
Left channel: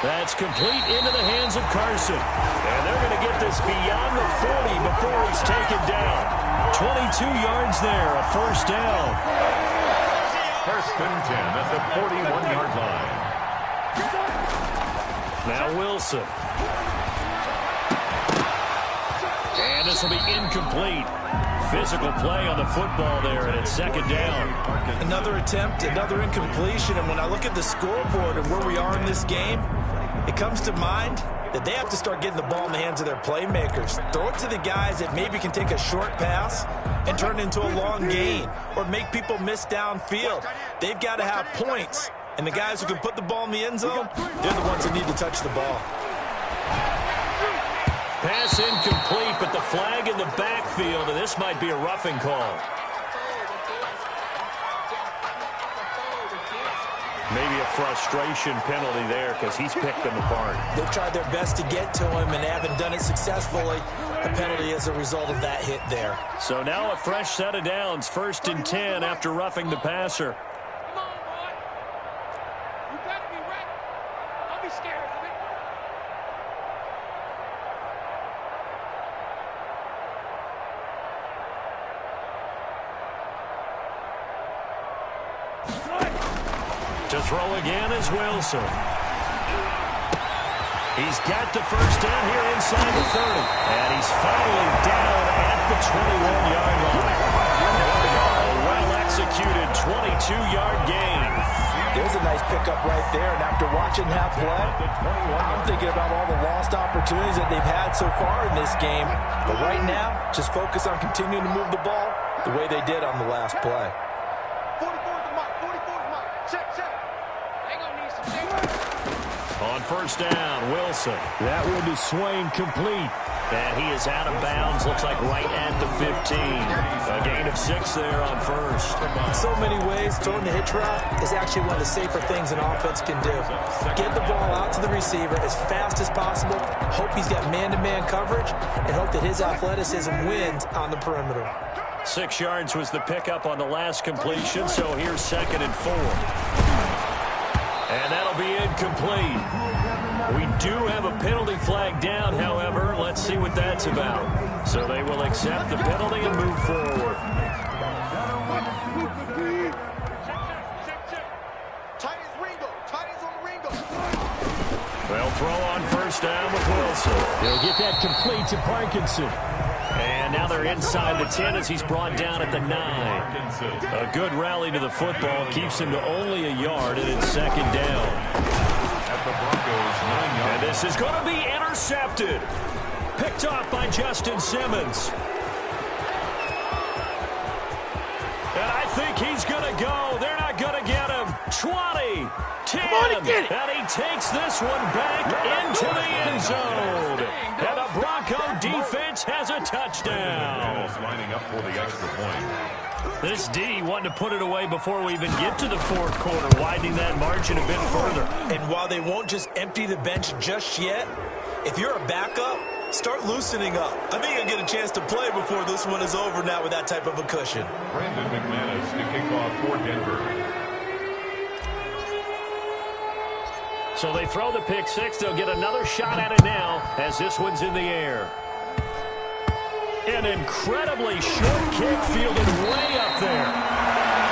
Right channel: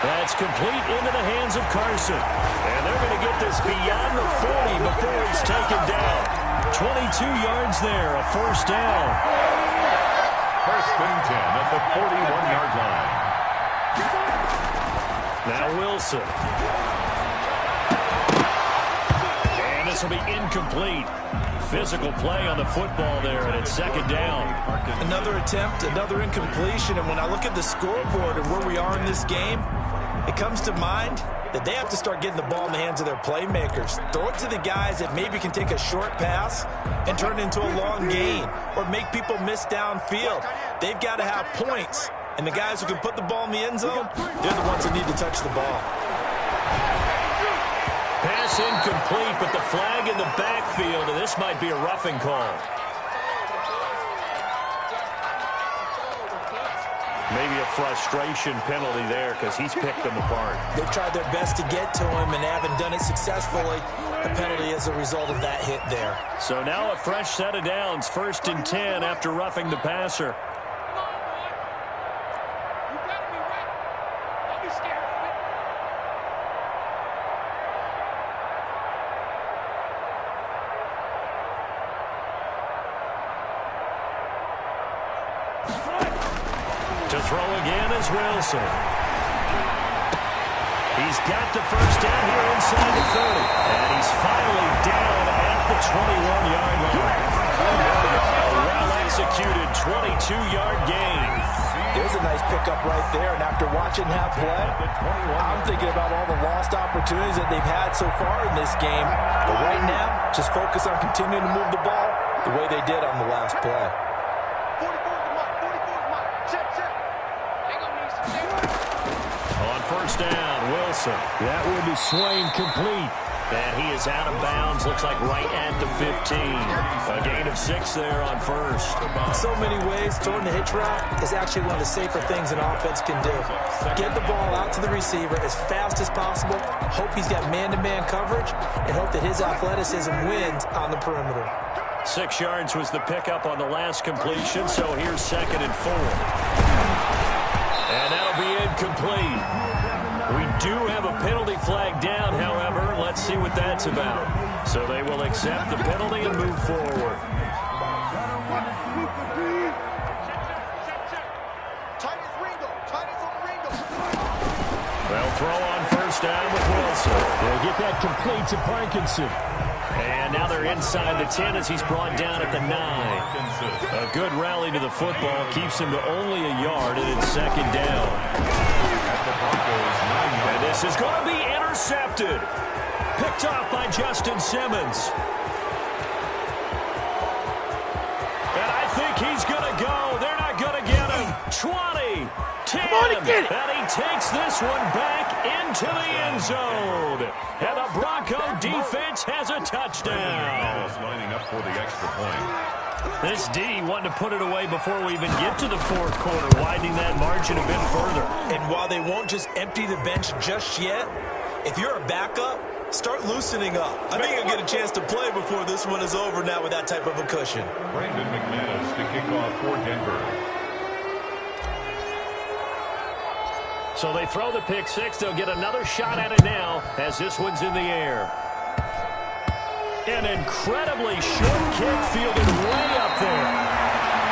That's complete into the hands of Carson. And they're going to get this beyond the 40 before he's taken down. 22 yards there, a first down. 1st and 10 at the 41-yard line. Now Wilson. And this will be incomplete. Physical play on the football there, and it's 2nd down. Another attempt, another incompletion, and when I look at the scoreboard and where we are in this game, it comes to mind that they have to start getting the ball in the hands of their playmakers. Throw it to the guys that maybe can take a short pass and turn it into a long gain or make people miss downfield. They've got to have points, and the guys who can put the ball in the end zone, they're the ones that need to touch the ball. Pass incomplete, but the flag in the backfield, and this might be a roughing call. Maybe a frustration penalty there because he's picked them apart. They've tried their best to get to him and haven't done it successfully. A penalty as a result of that hit there. So now a fresh set of downs, 1st and 10 after roughing the passer. Come on, boy. You got to be ready. Don't be scared of it. To throw again is Wilson. He's got the first down here inside the 30. And he's finally down at the 21-yard line. A well-executed 22-yard gain. There's a nice pickup right there, and after watching that play, I'm thinking about all the lost opportunities that they've had so far in this game. But right now, just focus on continuing to move the ball the way they did on the last play. 44 is the mark. 44 is the mark. Check, check. They going to need some things. On 1st down, Wilson. That one to Swain, complete. And he is out of bounds, looks like right at the 15. A gain of 6 there on 1st. In so many ways, throwing the hitch route is actually one of the safer things an offense can do. Get the ball out to the receiver as fast as possible, hope he's got man-to-man coverage, and hope that his athleticism wins on the perimeter. 6 yards was the pickup on the last completion, so here's 2nd and 4. And that'll be incomplete. We do have a penalty flag down, however. Let's see what that's about. So they will accept the penalty and move forward. Tight as Ringo. Tight as on Ringo. They'll throw on 1st down with Wilson. They'll get that complete to Parkinson. And now they're inside the 10 as he's brought down at the 9. A good rally to the football keeps him to only a yard, and it's 2nd down. At the Broncos' 9-yard. And this is going to be intercepted. Picked off by Justin Simmons. And I think he's going to go. They're not going to get him. 20, 10. Come on and get it. And he takes this one back into the end zone. And the Bronco defense has a touchdown. Lining up for the extra point. This D wanting to put it away before we even get to the 4th quarter, widening that margin a bit further. And while they won't just empty the bench just yet, if you're a backup, start loosening up. I think you'll get a chance to play before this one is over now with that type of a cushion. Brandon McManus to kick off for Denver. So they throw the pick 6. They'll get another shot at it now as this one's in the air. An incredibly short kick fielded way up there.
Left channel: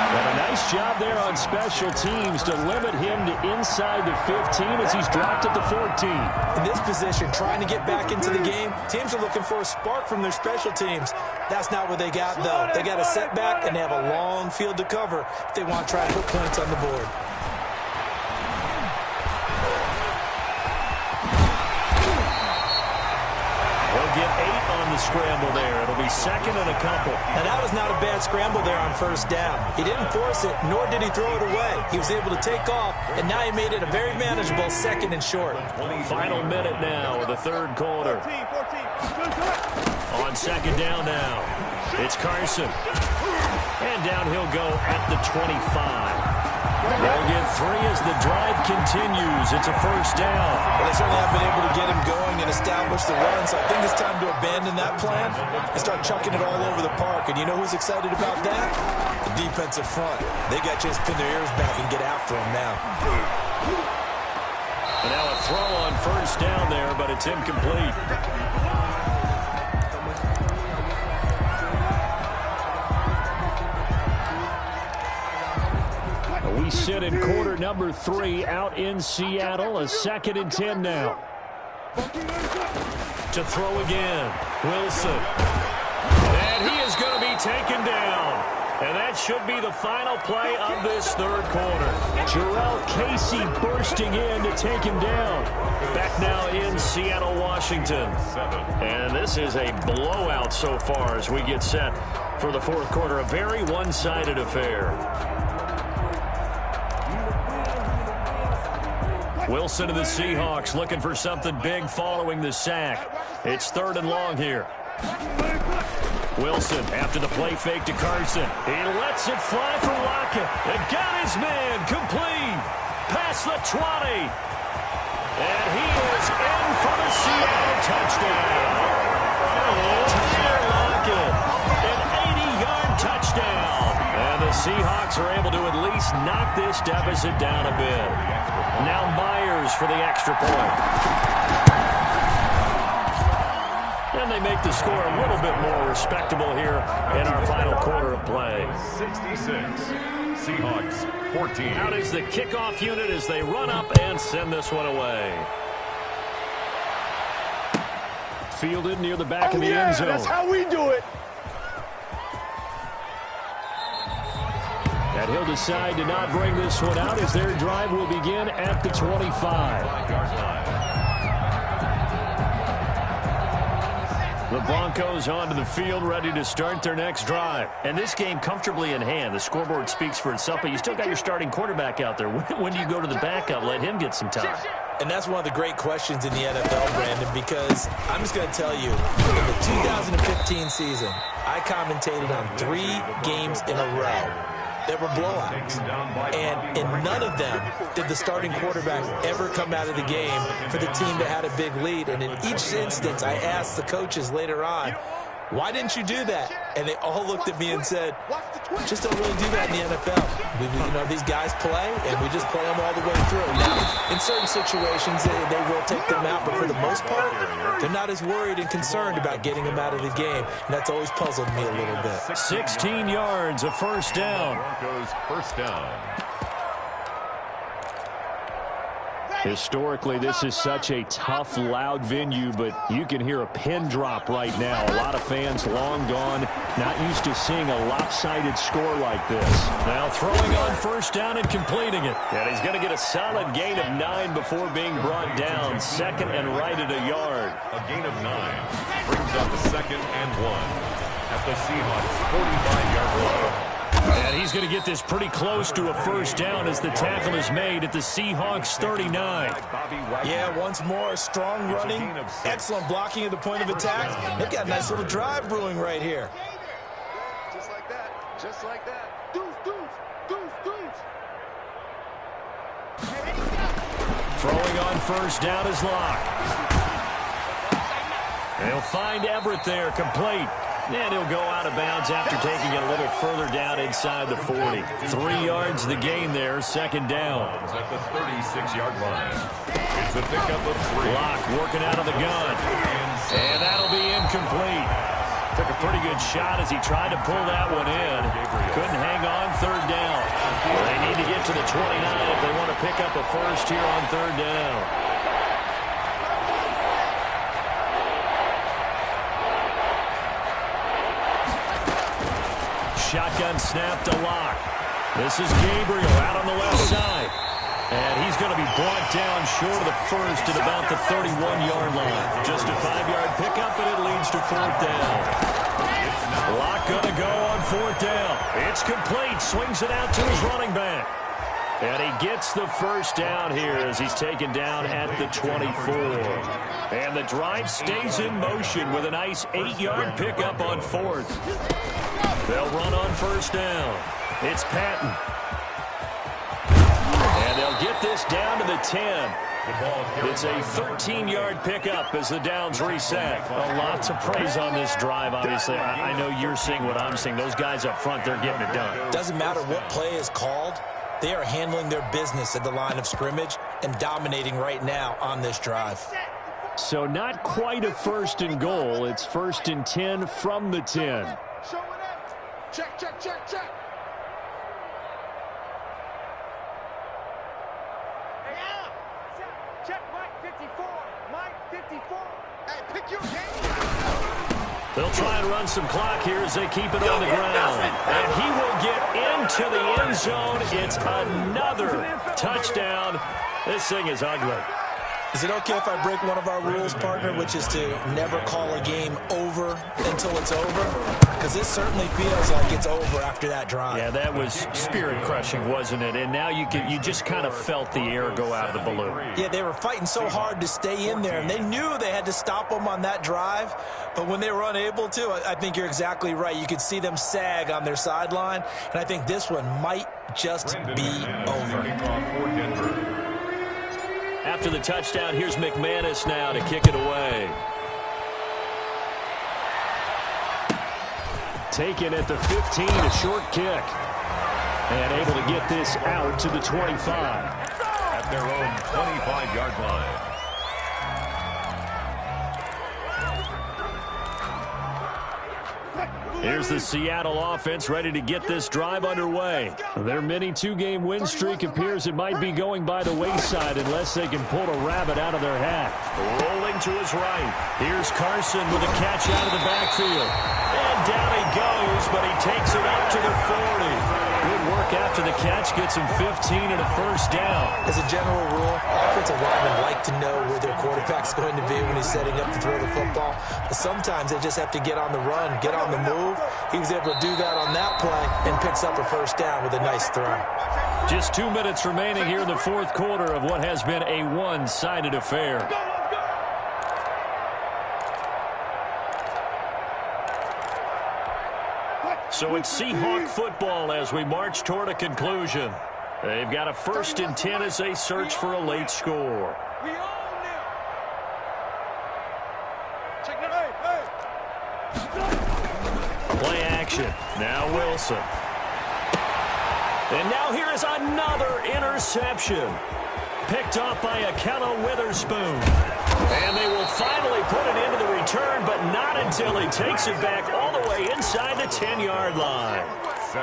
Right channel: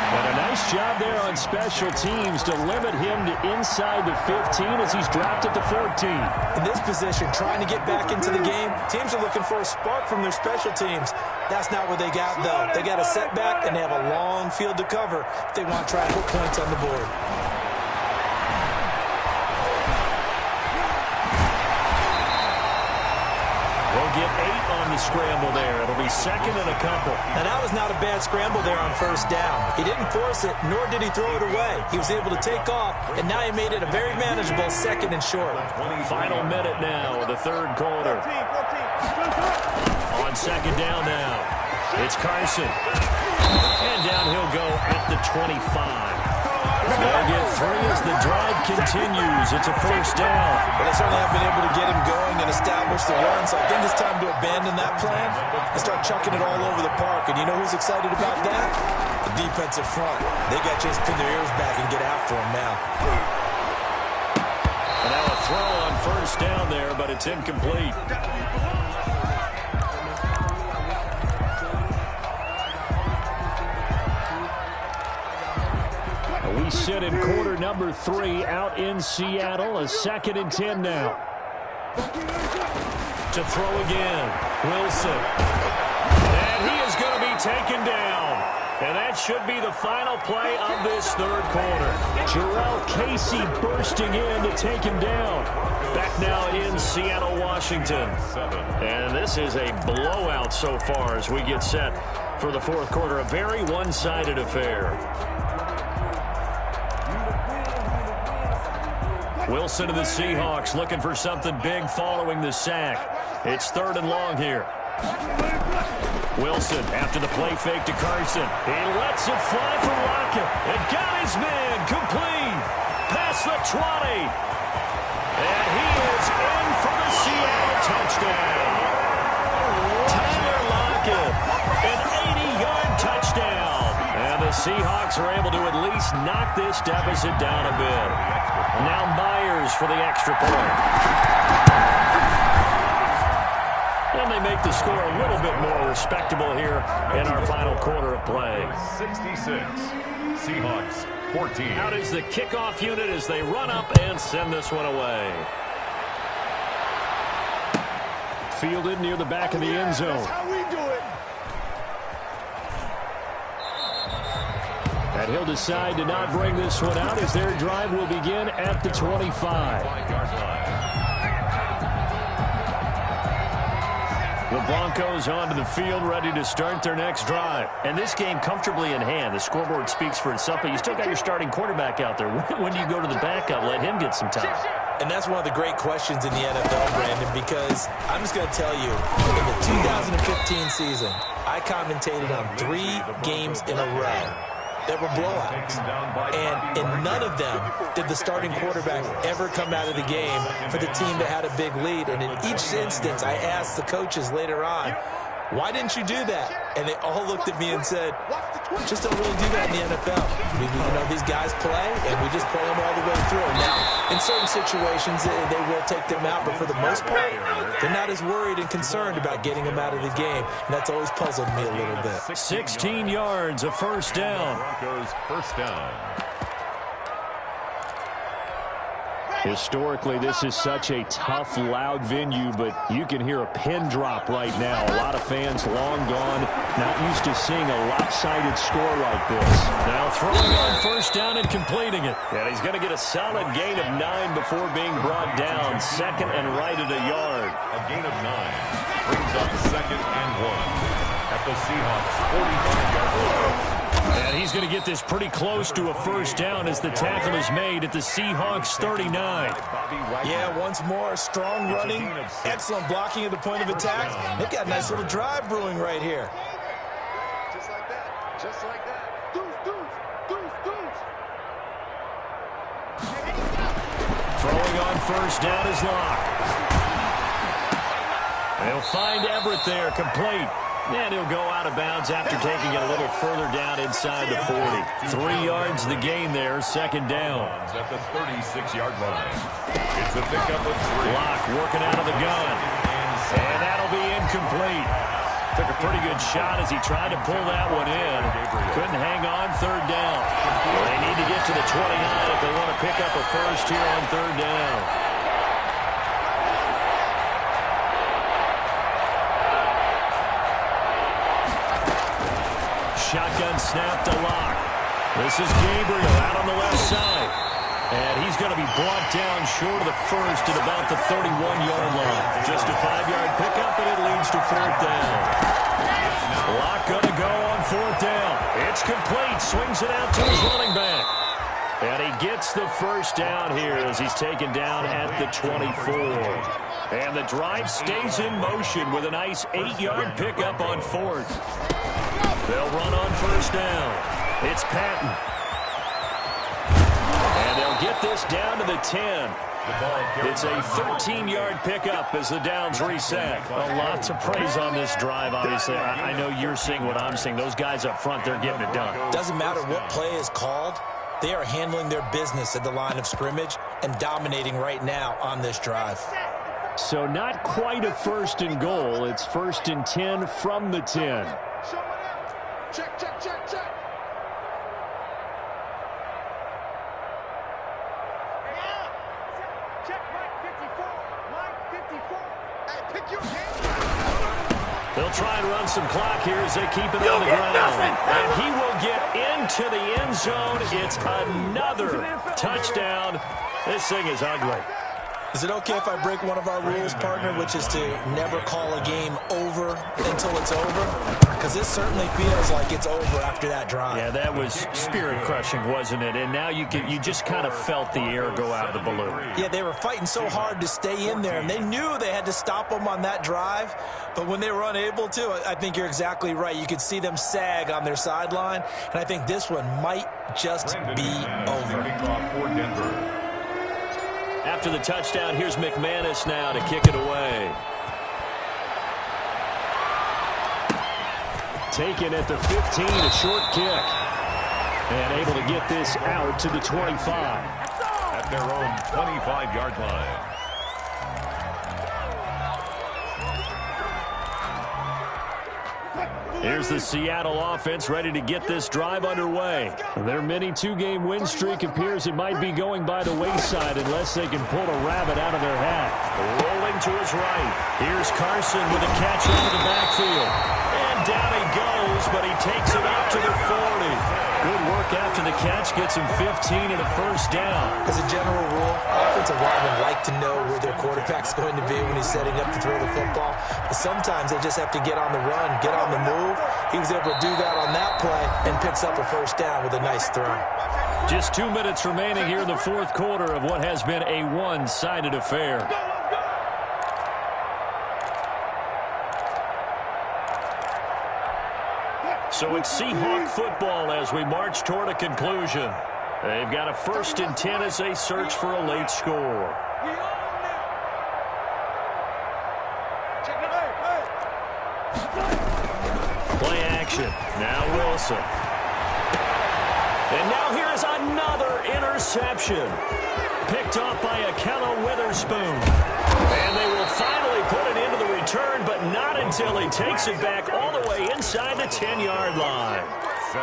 And a nice job there on special teams to limit him to inside the 15 as he's dropped at the 14. In this position, trying to get back into the game, teams are looking for a spark from their special teams. That's not what they got, though. They got a setback, and they have a long field to cover if they want to try to put points on the board. they'll get 8 on the scramble there. It'll be second and a couple. And that was not a bad scramble there on first down. He didn't force it, nor did he throw it away. He was able to take off, and now he made it a very manageable second and short. Final minute now of the third quarter. 14. On second down now, it's Carson. And down he'll go at the 25. They'll get 3 as the drive continues. It's a first down. Well, they certainly have been able to get him going and establish the run, so I think it's time to abandon that plan and start chucking it all over the park. And you know who's excited about that? The defensive front. They got a chance to pin their ears back and get after him now. And now a throw on first down there, but it's incomplete. We sit in quarter number 3 out in Seattle. A 2nd and 10 now. To throw again. Wilson. And he is going to be taken down. And that should be the final play of this third quarter. Jarrell Casey bursting in to take him down. Back now in Seattle, Washington. And this is a blowout so far as we get set for the fourth quarter. A very one-sided affair. Wilson of the Seahawks looking for something big following the sack. It's 3rd and long here. Wilson after the play fake to Carson. He lets it fly for Lockett. And got his man complete. Past the 20. And he is in for the Seattle touchdown. Tyler Lockett, an 80-yard touchdown. And the Seahawks are able to at least knock this deficit down a bit. Now Myers for the extra point. And they make the score a little bit more respectable here in our final quarter of play. 66. Seahawks 14. Out is the kickoff unit as they run up and send this one away. Fielded near the back of the end zone. That's how we do it. And he'll decide to not bring this one out as their drive will begin at the 25. The Broncos onto the field, ready to start their next drive. And this game comfortably in hand. The scoreboard speaks for itself, but you still got your starting quarterback out there. When do you go to the backup? Let him get some time. And that's one of the great questions in the NFL, Brandon, because I'm just going to tell you, in the 2015 season, I commentated on 3 games in a row. There were blowouts, and in none of them did the starting quarterback ever come out of the game for the team that had a big lead. And in each instance, I asked the coaches later on, why didn't you do that? And they all looked at me and said, just don't really do that in the NFL. You know, these guys play, and we just play them all the way through. Now, in certain situations, they will take them out, but for the most part, they're not as worried and concerned about getting them out of the game, and that's always puzzled me a little bit. 16 yards, a first down. Broncos first down. Historically, this is such a tough, loud venue, but you can hear a pin drop right now. A lot of fans long gone, not used to seeing a lopsided score like this. Now throwing on first down and completing it. And he's going to get a solid gain of 9 before being brought down. 2nd and right at a yard. A gain of 9 brings up 2nd and 1 at the Seahawks 45-yard line. And he's going to get this pretty close to a first down as the tackle is made at the Seahawks 39. Yeah, once more, strong running, excellent blocking at the point of attack. They've got a nice little drive brewing right here. Just like that. Just like that. Deuce. Throwing on first down is Locke. They'll find Everett there, complete. And he'll go out of bounds after taking it a little further down inside the 40. 3 yards the gain there, 2nd down. At the 36-yard line. It's a pickup of 3. Locke working out of the gun. And that'll be incomplete. Took a pretty good shot as he tried to pull that one in. Couldn't hang on, 3rd down. Well, they need to get to the 29 if they want to pick up a first here on 3rd down. Shotgun snap to Locke. This is Gabriel out on the left side. And he's going to be brought down short of the first at about the 31-yard line. Just a 5-yard pickup, and it leads to 4th down. Lock going to go on 4th down. It's complete. Swings it out to his running back. And he gets the first down here as he's taken down at the 24. And the drive stays in motion with a nice 8-yard pickup on 4th. They'll run on 1st down. It's Patton. And they'll get this down to the 10. It's a 13-yard pickup as the downs reset. A lot to praise on this drive, obviously. I know you're seeing what I'm seeing. Those guys up front, they're getting it done. Doesn't matter what play is called. They are handling their business at the line of scrimmage and dominating right now on this drive. So not quite a 1st and goal. It's 1st and 10 from the 10. Check, check, check, check. Check Mike 54. Mike 54. Hey, pick your game. They'll try and run some clock here as they keep it on the ground. And he will get into the end zone. It's another touchdown. This thing is ugly. Is it okay if I break one of our rules, partner, which is to never call a game over until it's over? Because this certainly feels like it's over after that drive. Yeah, that was spirit-crushing, wasn't it? And now you just kind of felt the air go out of the balloon. Yeah, they were fighting so hard to stay in there, and they knew they had to stop them on that drive. But when they were unable to, I think you're exactly right. You could see them sag on their sideline, and I think this one might just be over. After the touchdown, here's McManus now to kick it away. Taken at the 15, a short kick. And able to get this out to the 25. At their own 25-yard line. Here's the Seattle offense ready to get this drive underway. Their mini 2-game win streak appears it might be going by the wayside unless they can pull a rabbit out of their hat. Rolling to his right. Here's Carson with a catch out of the backfield. And down he goes, but he takes it up to the 40. Good work after the catch. Gets him 15 and a 1st down. As a general rule, offensive linemen like to know where their quarterback's going to be when he's setting up to throw the football. But sometimes they just have to get on the run, get on the move. He was able to do that on that play and picks up a 1st down with a nice throw. Just 2 minutes remaining here in the 4th quarter of what has been a one-sided affair. So it's Seahawk football as we march toward a conclusion. They've got a 1st and 10 as they search for a late score. We own them. Check it out. Play action. Now Wilson. And now here is another interception. Picked off by Akello Witherspoon. And they will finally put it into the return, but not until he takes it back all the way inside the 10-yard line.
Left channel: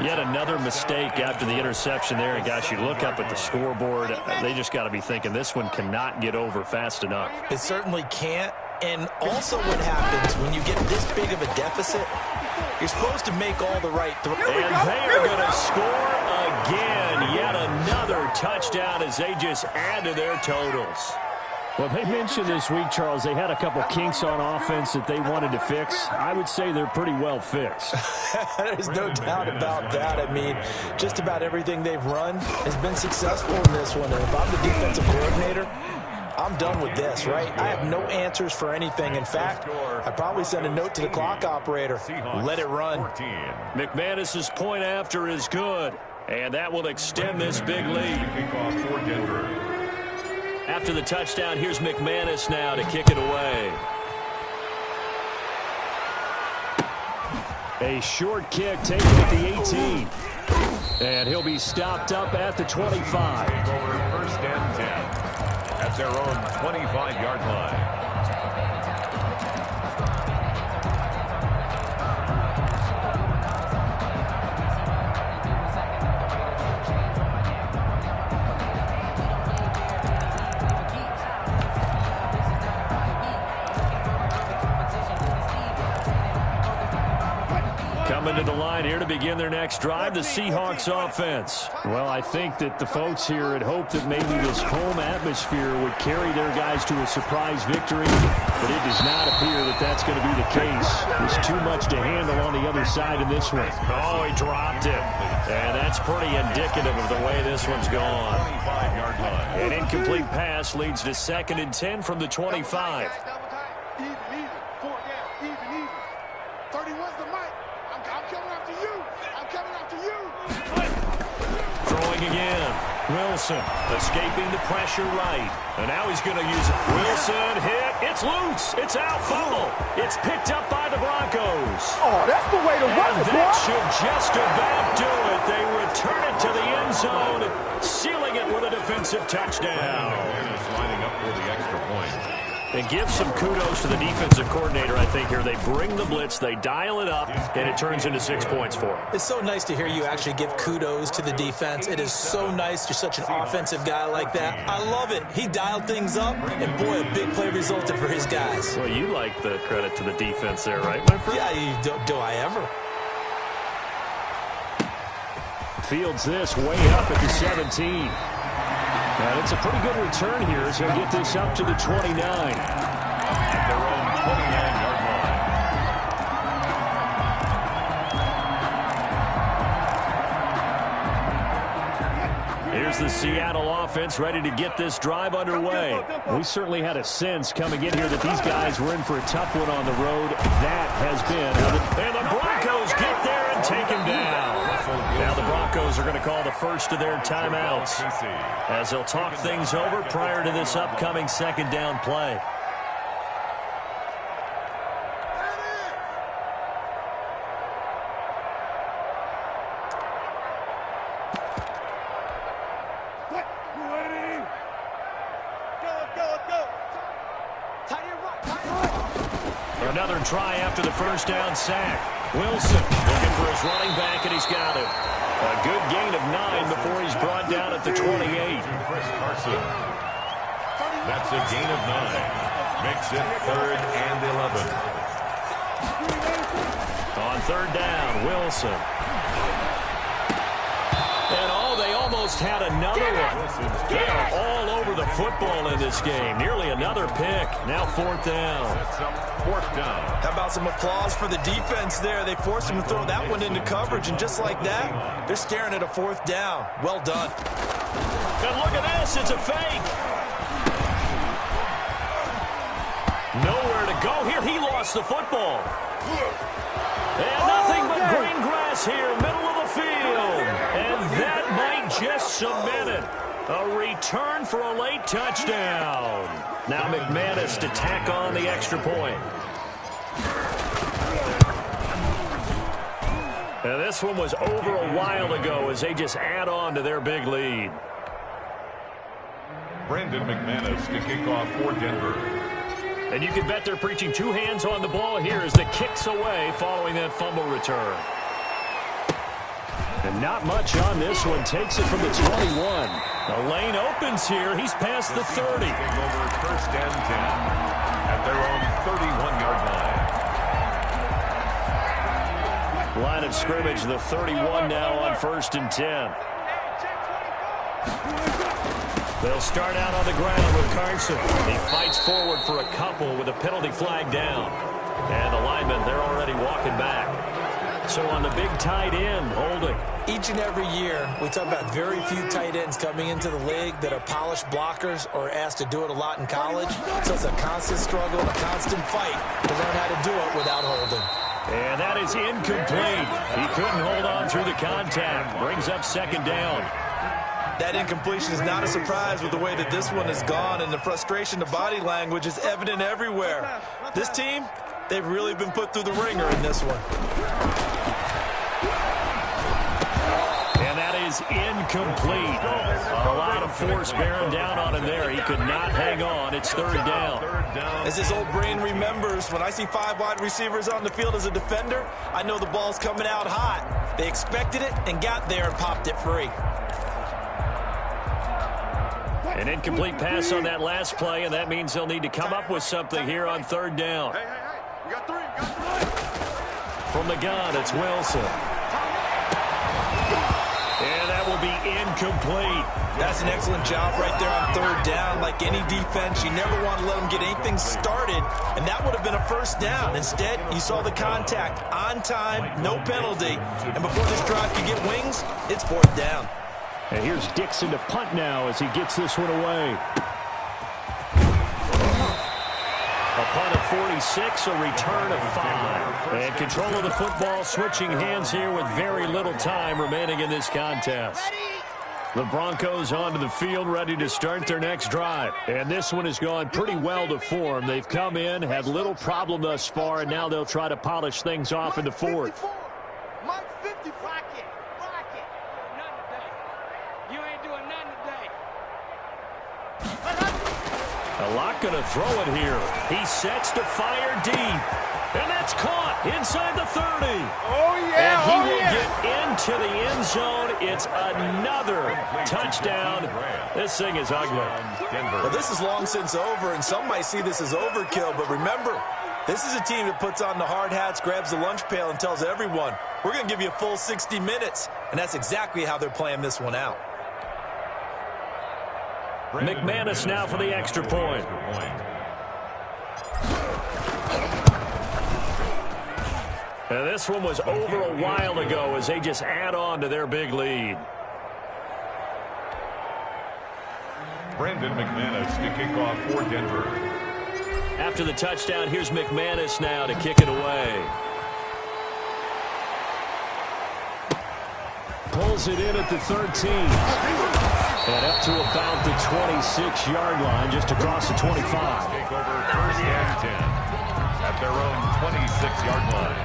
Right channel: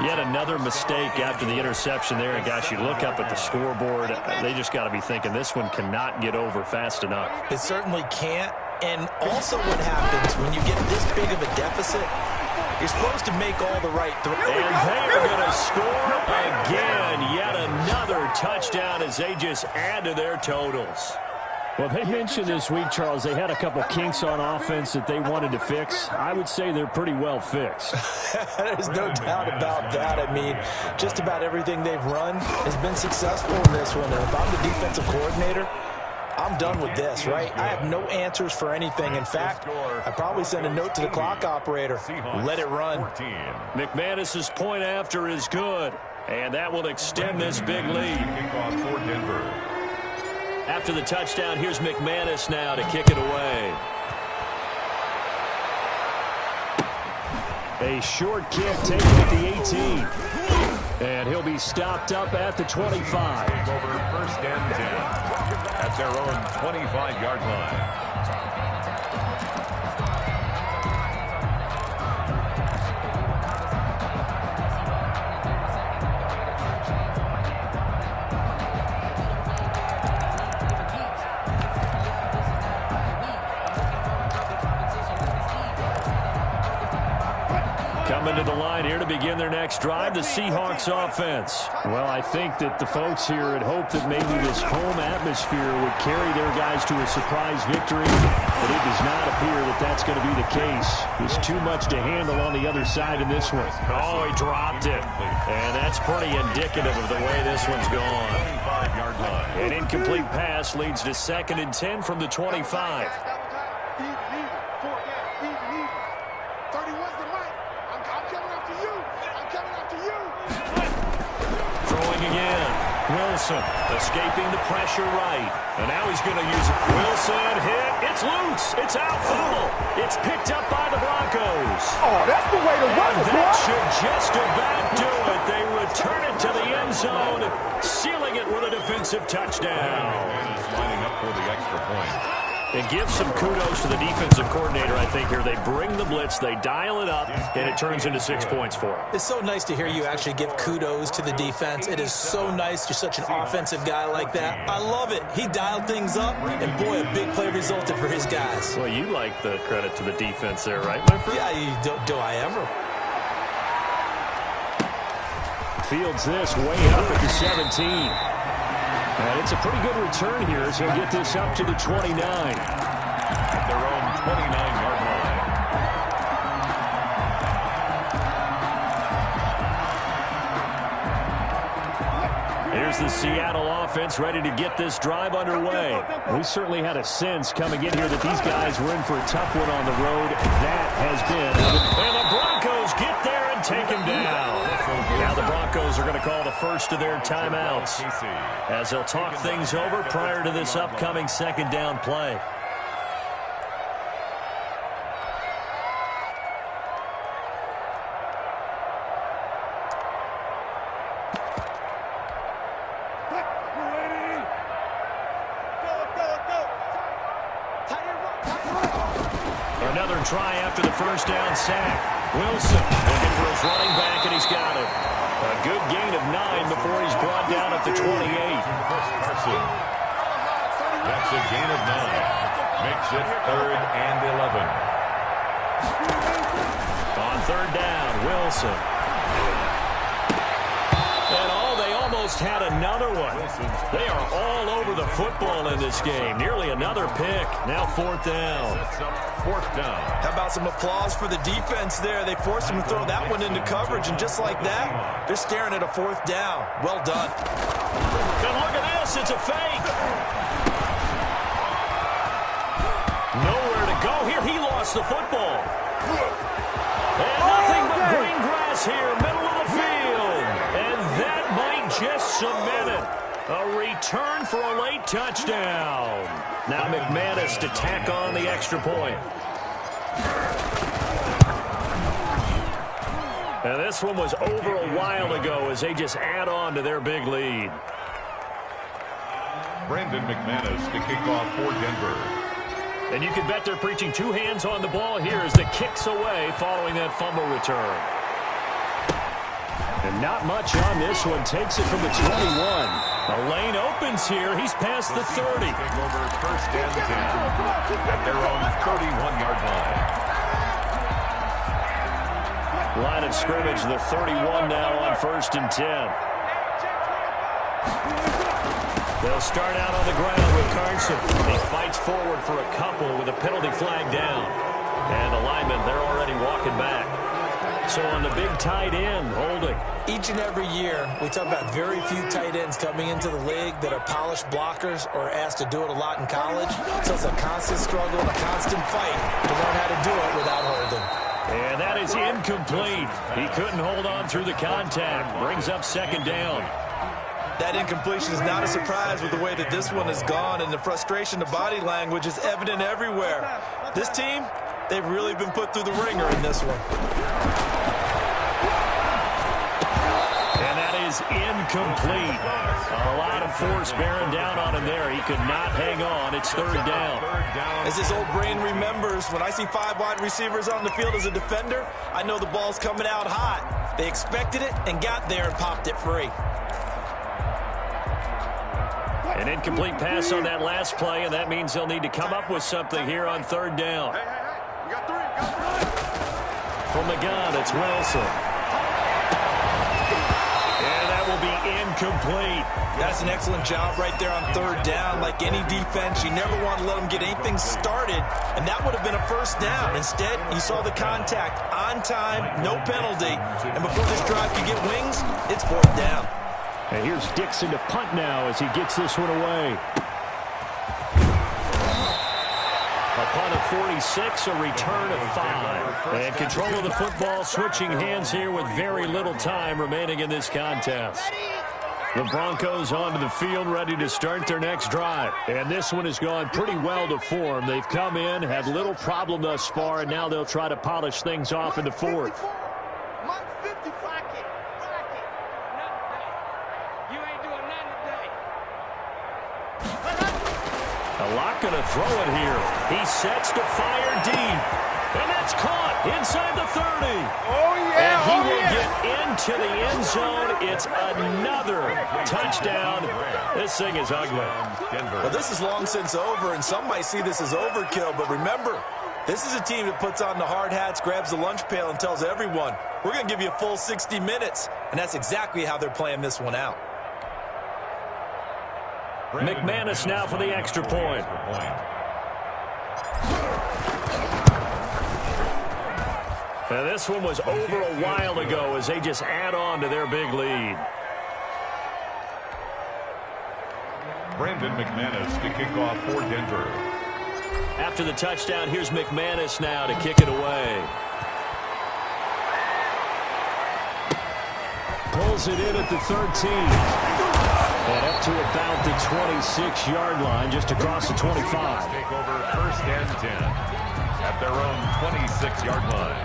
Yet another mistake after the interception there. And, gosh, you look up at the scoreboard, they just got to be thinking this one cannot get over fast enough. It certainly can't. And also what happens when you get this big of a deficit, you're supposed to make all the right throws. And they are going to score again. Yet another touchdown as they just add to their totals. Well, they mentioned this week, Charles, they had a couple kinks on offense that they wanted to fix. I would say they're pretty well fixed. There's no doubt about that. I mean, just about everything they've run has been successful in this one. And if I'm the defensive coordinator, I'm done with this, right? I have no answers for anything. In fact, I probably send a note to the clock operator. Let it run. McManus's point after is good, and that will extend this big lead. Kickoff for Denver. After the touchdown, here's McManus now to kick it away. A short kick taken at the 18. And he'll be stopped up at the 25. Over 1st and 10 at their own 25-yard line. Coming to the line here to begin their next drive, the Seahawks offense. Well, I think that the folks here had hoped that maybe this home atmosphere would carry their guys to a surprise victory, but it does not appear that that's going to be the case. There's too much to handle on the other side in this one. Oh, he dropped it. And that's pretty indicative of the way this one's gone. 25-yard line. An incomplete pass leads to 2nd and 10 from the 25. Even, 4 down, even. 31's the mic. I'm coming after you. I'm coming after you. Throwing again. Wilson escaping the pressure right. And now he's going to use it. Wilson hit. It's loose. It's out. Fumble. It's picked up by the Broncos. Oh, that's the way to run it, boy. That should just about do it. They return it to the end zone, sealing it with a defensive touchdown. And is lining up for the extra point. And give some kudos to the defensive coordinator, I think, here. They bring the blitz, they dial it up, and it turns into 6 points for them. It's so nice to hear you actually give kudos to the defense. It is so nice. You're such an offensive guy like that. I love it. He dialed things up, and, boy, a big play resulted for his guys. Well, you like the credit to the defense there, right, my friend? Yeah, do I ever? Fields this way up at the 17. And it's a pretty good return here as he'll get this up to the 29. At their own 29-yard line. Here's the Seattle offense ready to get this drive underway. We certainly had a sense coming in here that these guys were in for a tough one on the road. That has been. And the Broncos get there and take him down. Now the Broncos are going to call the first of their timeouts as they'll talk things over prior to this upcoming 2nd down play. Another try after the first down sack. Wilson looking for his running back, and he's got him. A good gain of 9 before he's brought down at the 28. Chris Carson. That's a gain of 9. Makes it 3rd and 11. On 3rd down, Wilson. And they almost had another one. They are all over the football in this game. Nearly another pick. Now 4th down. Sets up 4th down. How about some applause for the defense there? They forced him to throw that one into coverage, and just like that, they're staring at a 4th down. Well done. And look at this. It's a fake. Nowhere to go here. He lost the football. And nothing but green grass here, middle of the field. And that might just cement it. A return for a late touchdown. Now McManus to tack on the extra point. And this one was over a while ago as they just add on to their big lead. Brandon McManus to kick off for Denver. And you can bet they're preaching 2 hands on the ball here as the kick's away following that fumble return. And not much on this one. Takes it from the 21. The lane opens here. He's past the 30. Take over 1st and 10 at their own 31-yard line. Line of scrimmage, the 31 now on 1st and 10. They'll start out on the ground with Carson. He fights forward for a couple with a penalty flag down. And the linemen, they're already walking back. So on the big tight end, holding. Each and every year, we talk about very few tight ends coming into the league that are polished blockers or asked to do it a lot in college. So it's a constant struggle and a constant fight to learn how to do it without holding. And that is incomplete. He couldn't hold on through the contact. Brings up 2nd down. That incompletion is not a surprise with the way that this one has gone, and the frustration, the body language is evident everywhere. This team, they've really been put through the ringer in this one. And that is incomplete. A lot of force bearing down on him there. He could not hang on. It's 3rd down. As his old brain remembers, when I see 5 wide receivers on the field as a defender, I know the ball's coming out hot. They expected it and got there and popped it free. An incomplete pass on that last play, and that means they'll need to come up with something here on 3rd down. Hey, you got 3, From the gun, it's Wilson. And that will be incomplete. That's an excellent job right there on third down. Like any defense, you never want to let them get anything started, and that would have been a first down. Instead, you saw the contact on time, no penalty, and before this drive could get wings, it's fourth down. And here's Dixon to punt now as he gets this one away. A punt of 46, a return of 5. And control of the football switching hands here with very little time remaining in this contest. The Broncos onto the field ready to start their next drive. And this one has gone pretty well to form. They've come in, had little problem thus far, and now they'll try to polish things off in the fourth. Mike 50, rock it. Nothing today. You ain't doing nothing today. A lot going to throw it here. He sets to fire deep. And that's caught inside the 30. Oh, yeah. And he will get into the end zone. It's another touchdown. This thing is ugly. Well, this is long since over, and some might see this as overkill. But remember, this is a team that puts on the hard hats, grabs the lunch pail, and tells everyone, we're going to give you a full 60 minutes. And that's exactly how they're playing this one out. McManus now for the extra point. And this one was over a while ago as they just add on to their big lead. Brandon McManus to kick off for Denver. After the touchdown, here's McManus now to kick it away. Pulls it in at the 13. And up to about the 26-yard line, just across the 25. Take over first and 10 at their own 26-yard line.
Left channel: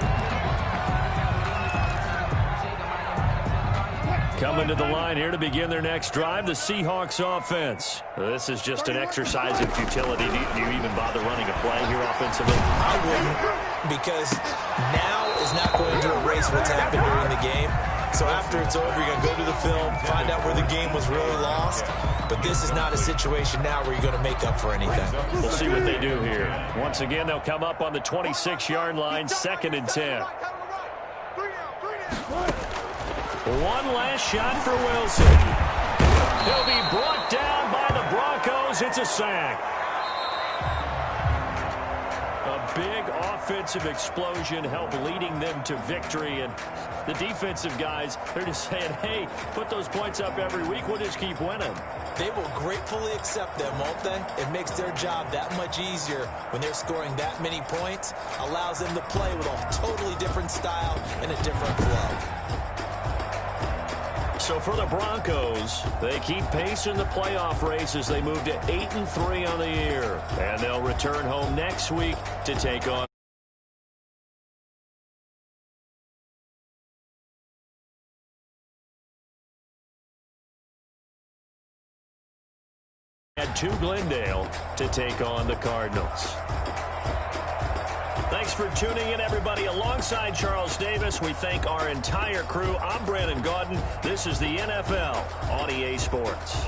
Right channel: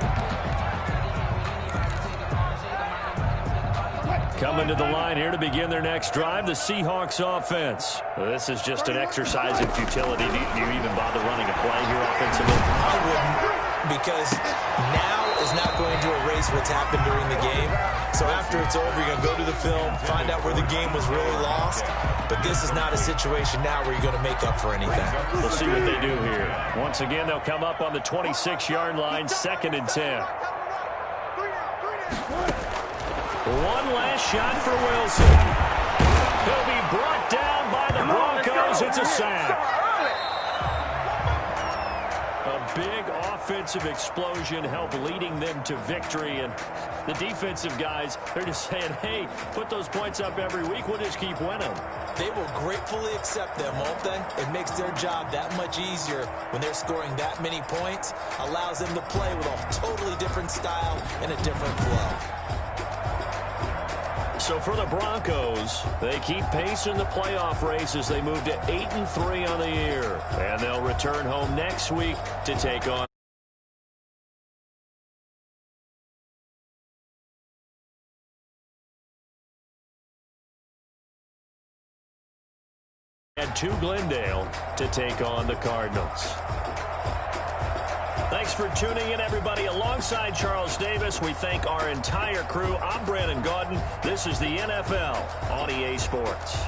Coming to the line here to begin their next drive, the Seahawks offense. This is just an exercise in futility. Do you even bother running a play here offensively? I wouldn't, because now is not going to erase what's happened during the game. So after it's over, you're going to go to the film, find out where the game was really lost. But this is not a situation now where you're going to make up for anything. We'll see what they do here. Once again, they'll come up on the 26-yard line, 2nd and 10. One last shot for Wilson. He'll be brought down by the Broncos. It's a sack. A big offensive explosion helped leading them to victory. And the defensive guys, they're just saying, hey, put those points up every week. We'll just keep winning. They will gratefully accept them, won't they? It makes their job that much easier when they're scoring that many points. Allows them to play with a totally different style and a different flow. So for the Broncos, they keep pace in the playoff race as they move to 8-3 on the year. And they'll return home next week to take on to Glendale to take on the Cardinals. Thanks for tuning in, everybody. Alongside Charles Davis, we thank our entire crew. I'm Brandon Gaudin. This is the NFL on EA Sports.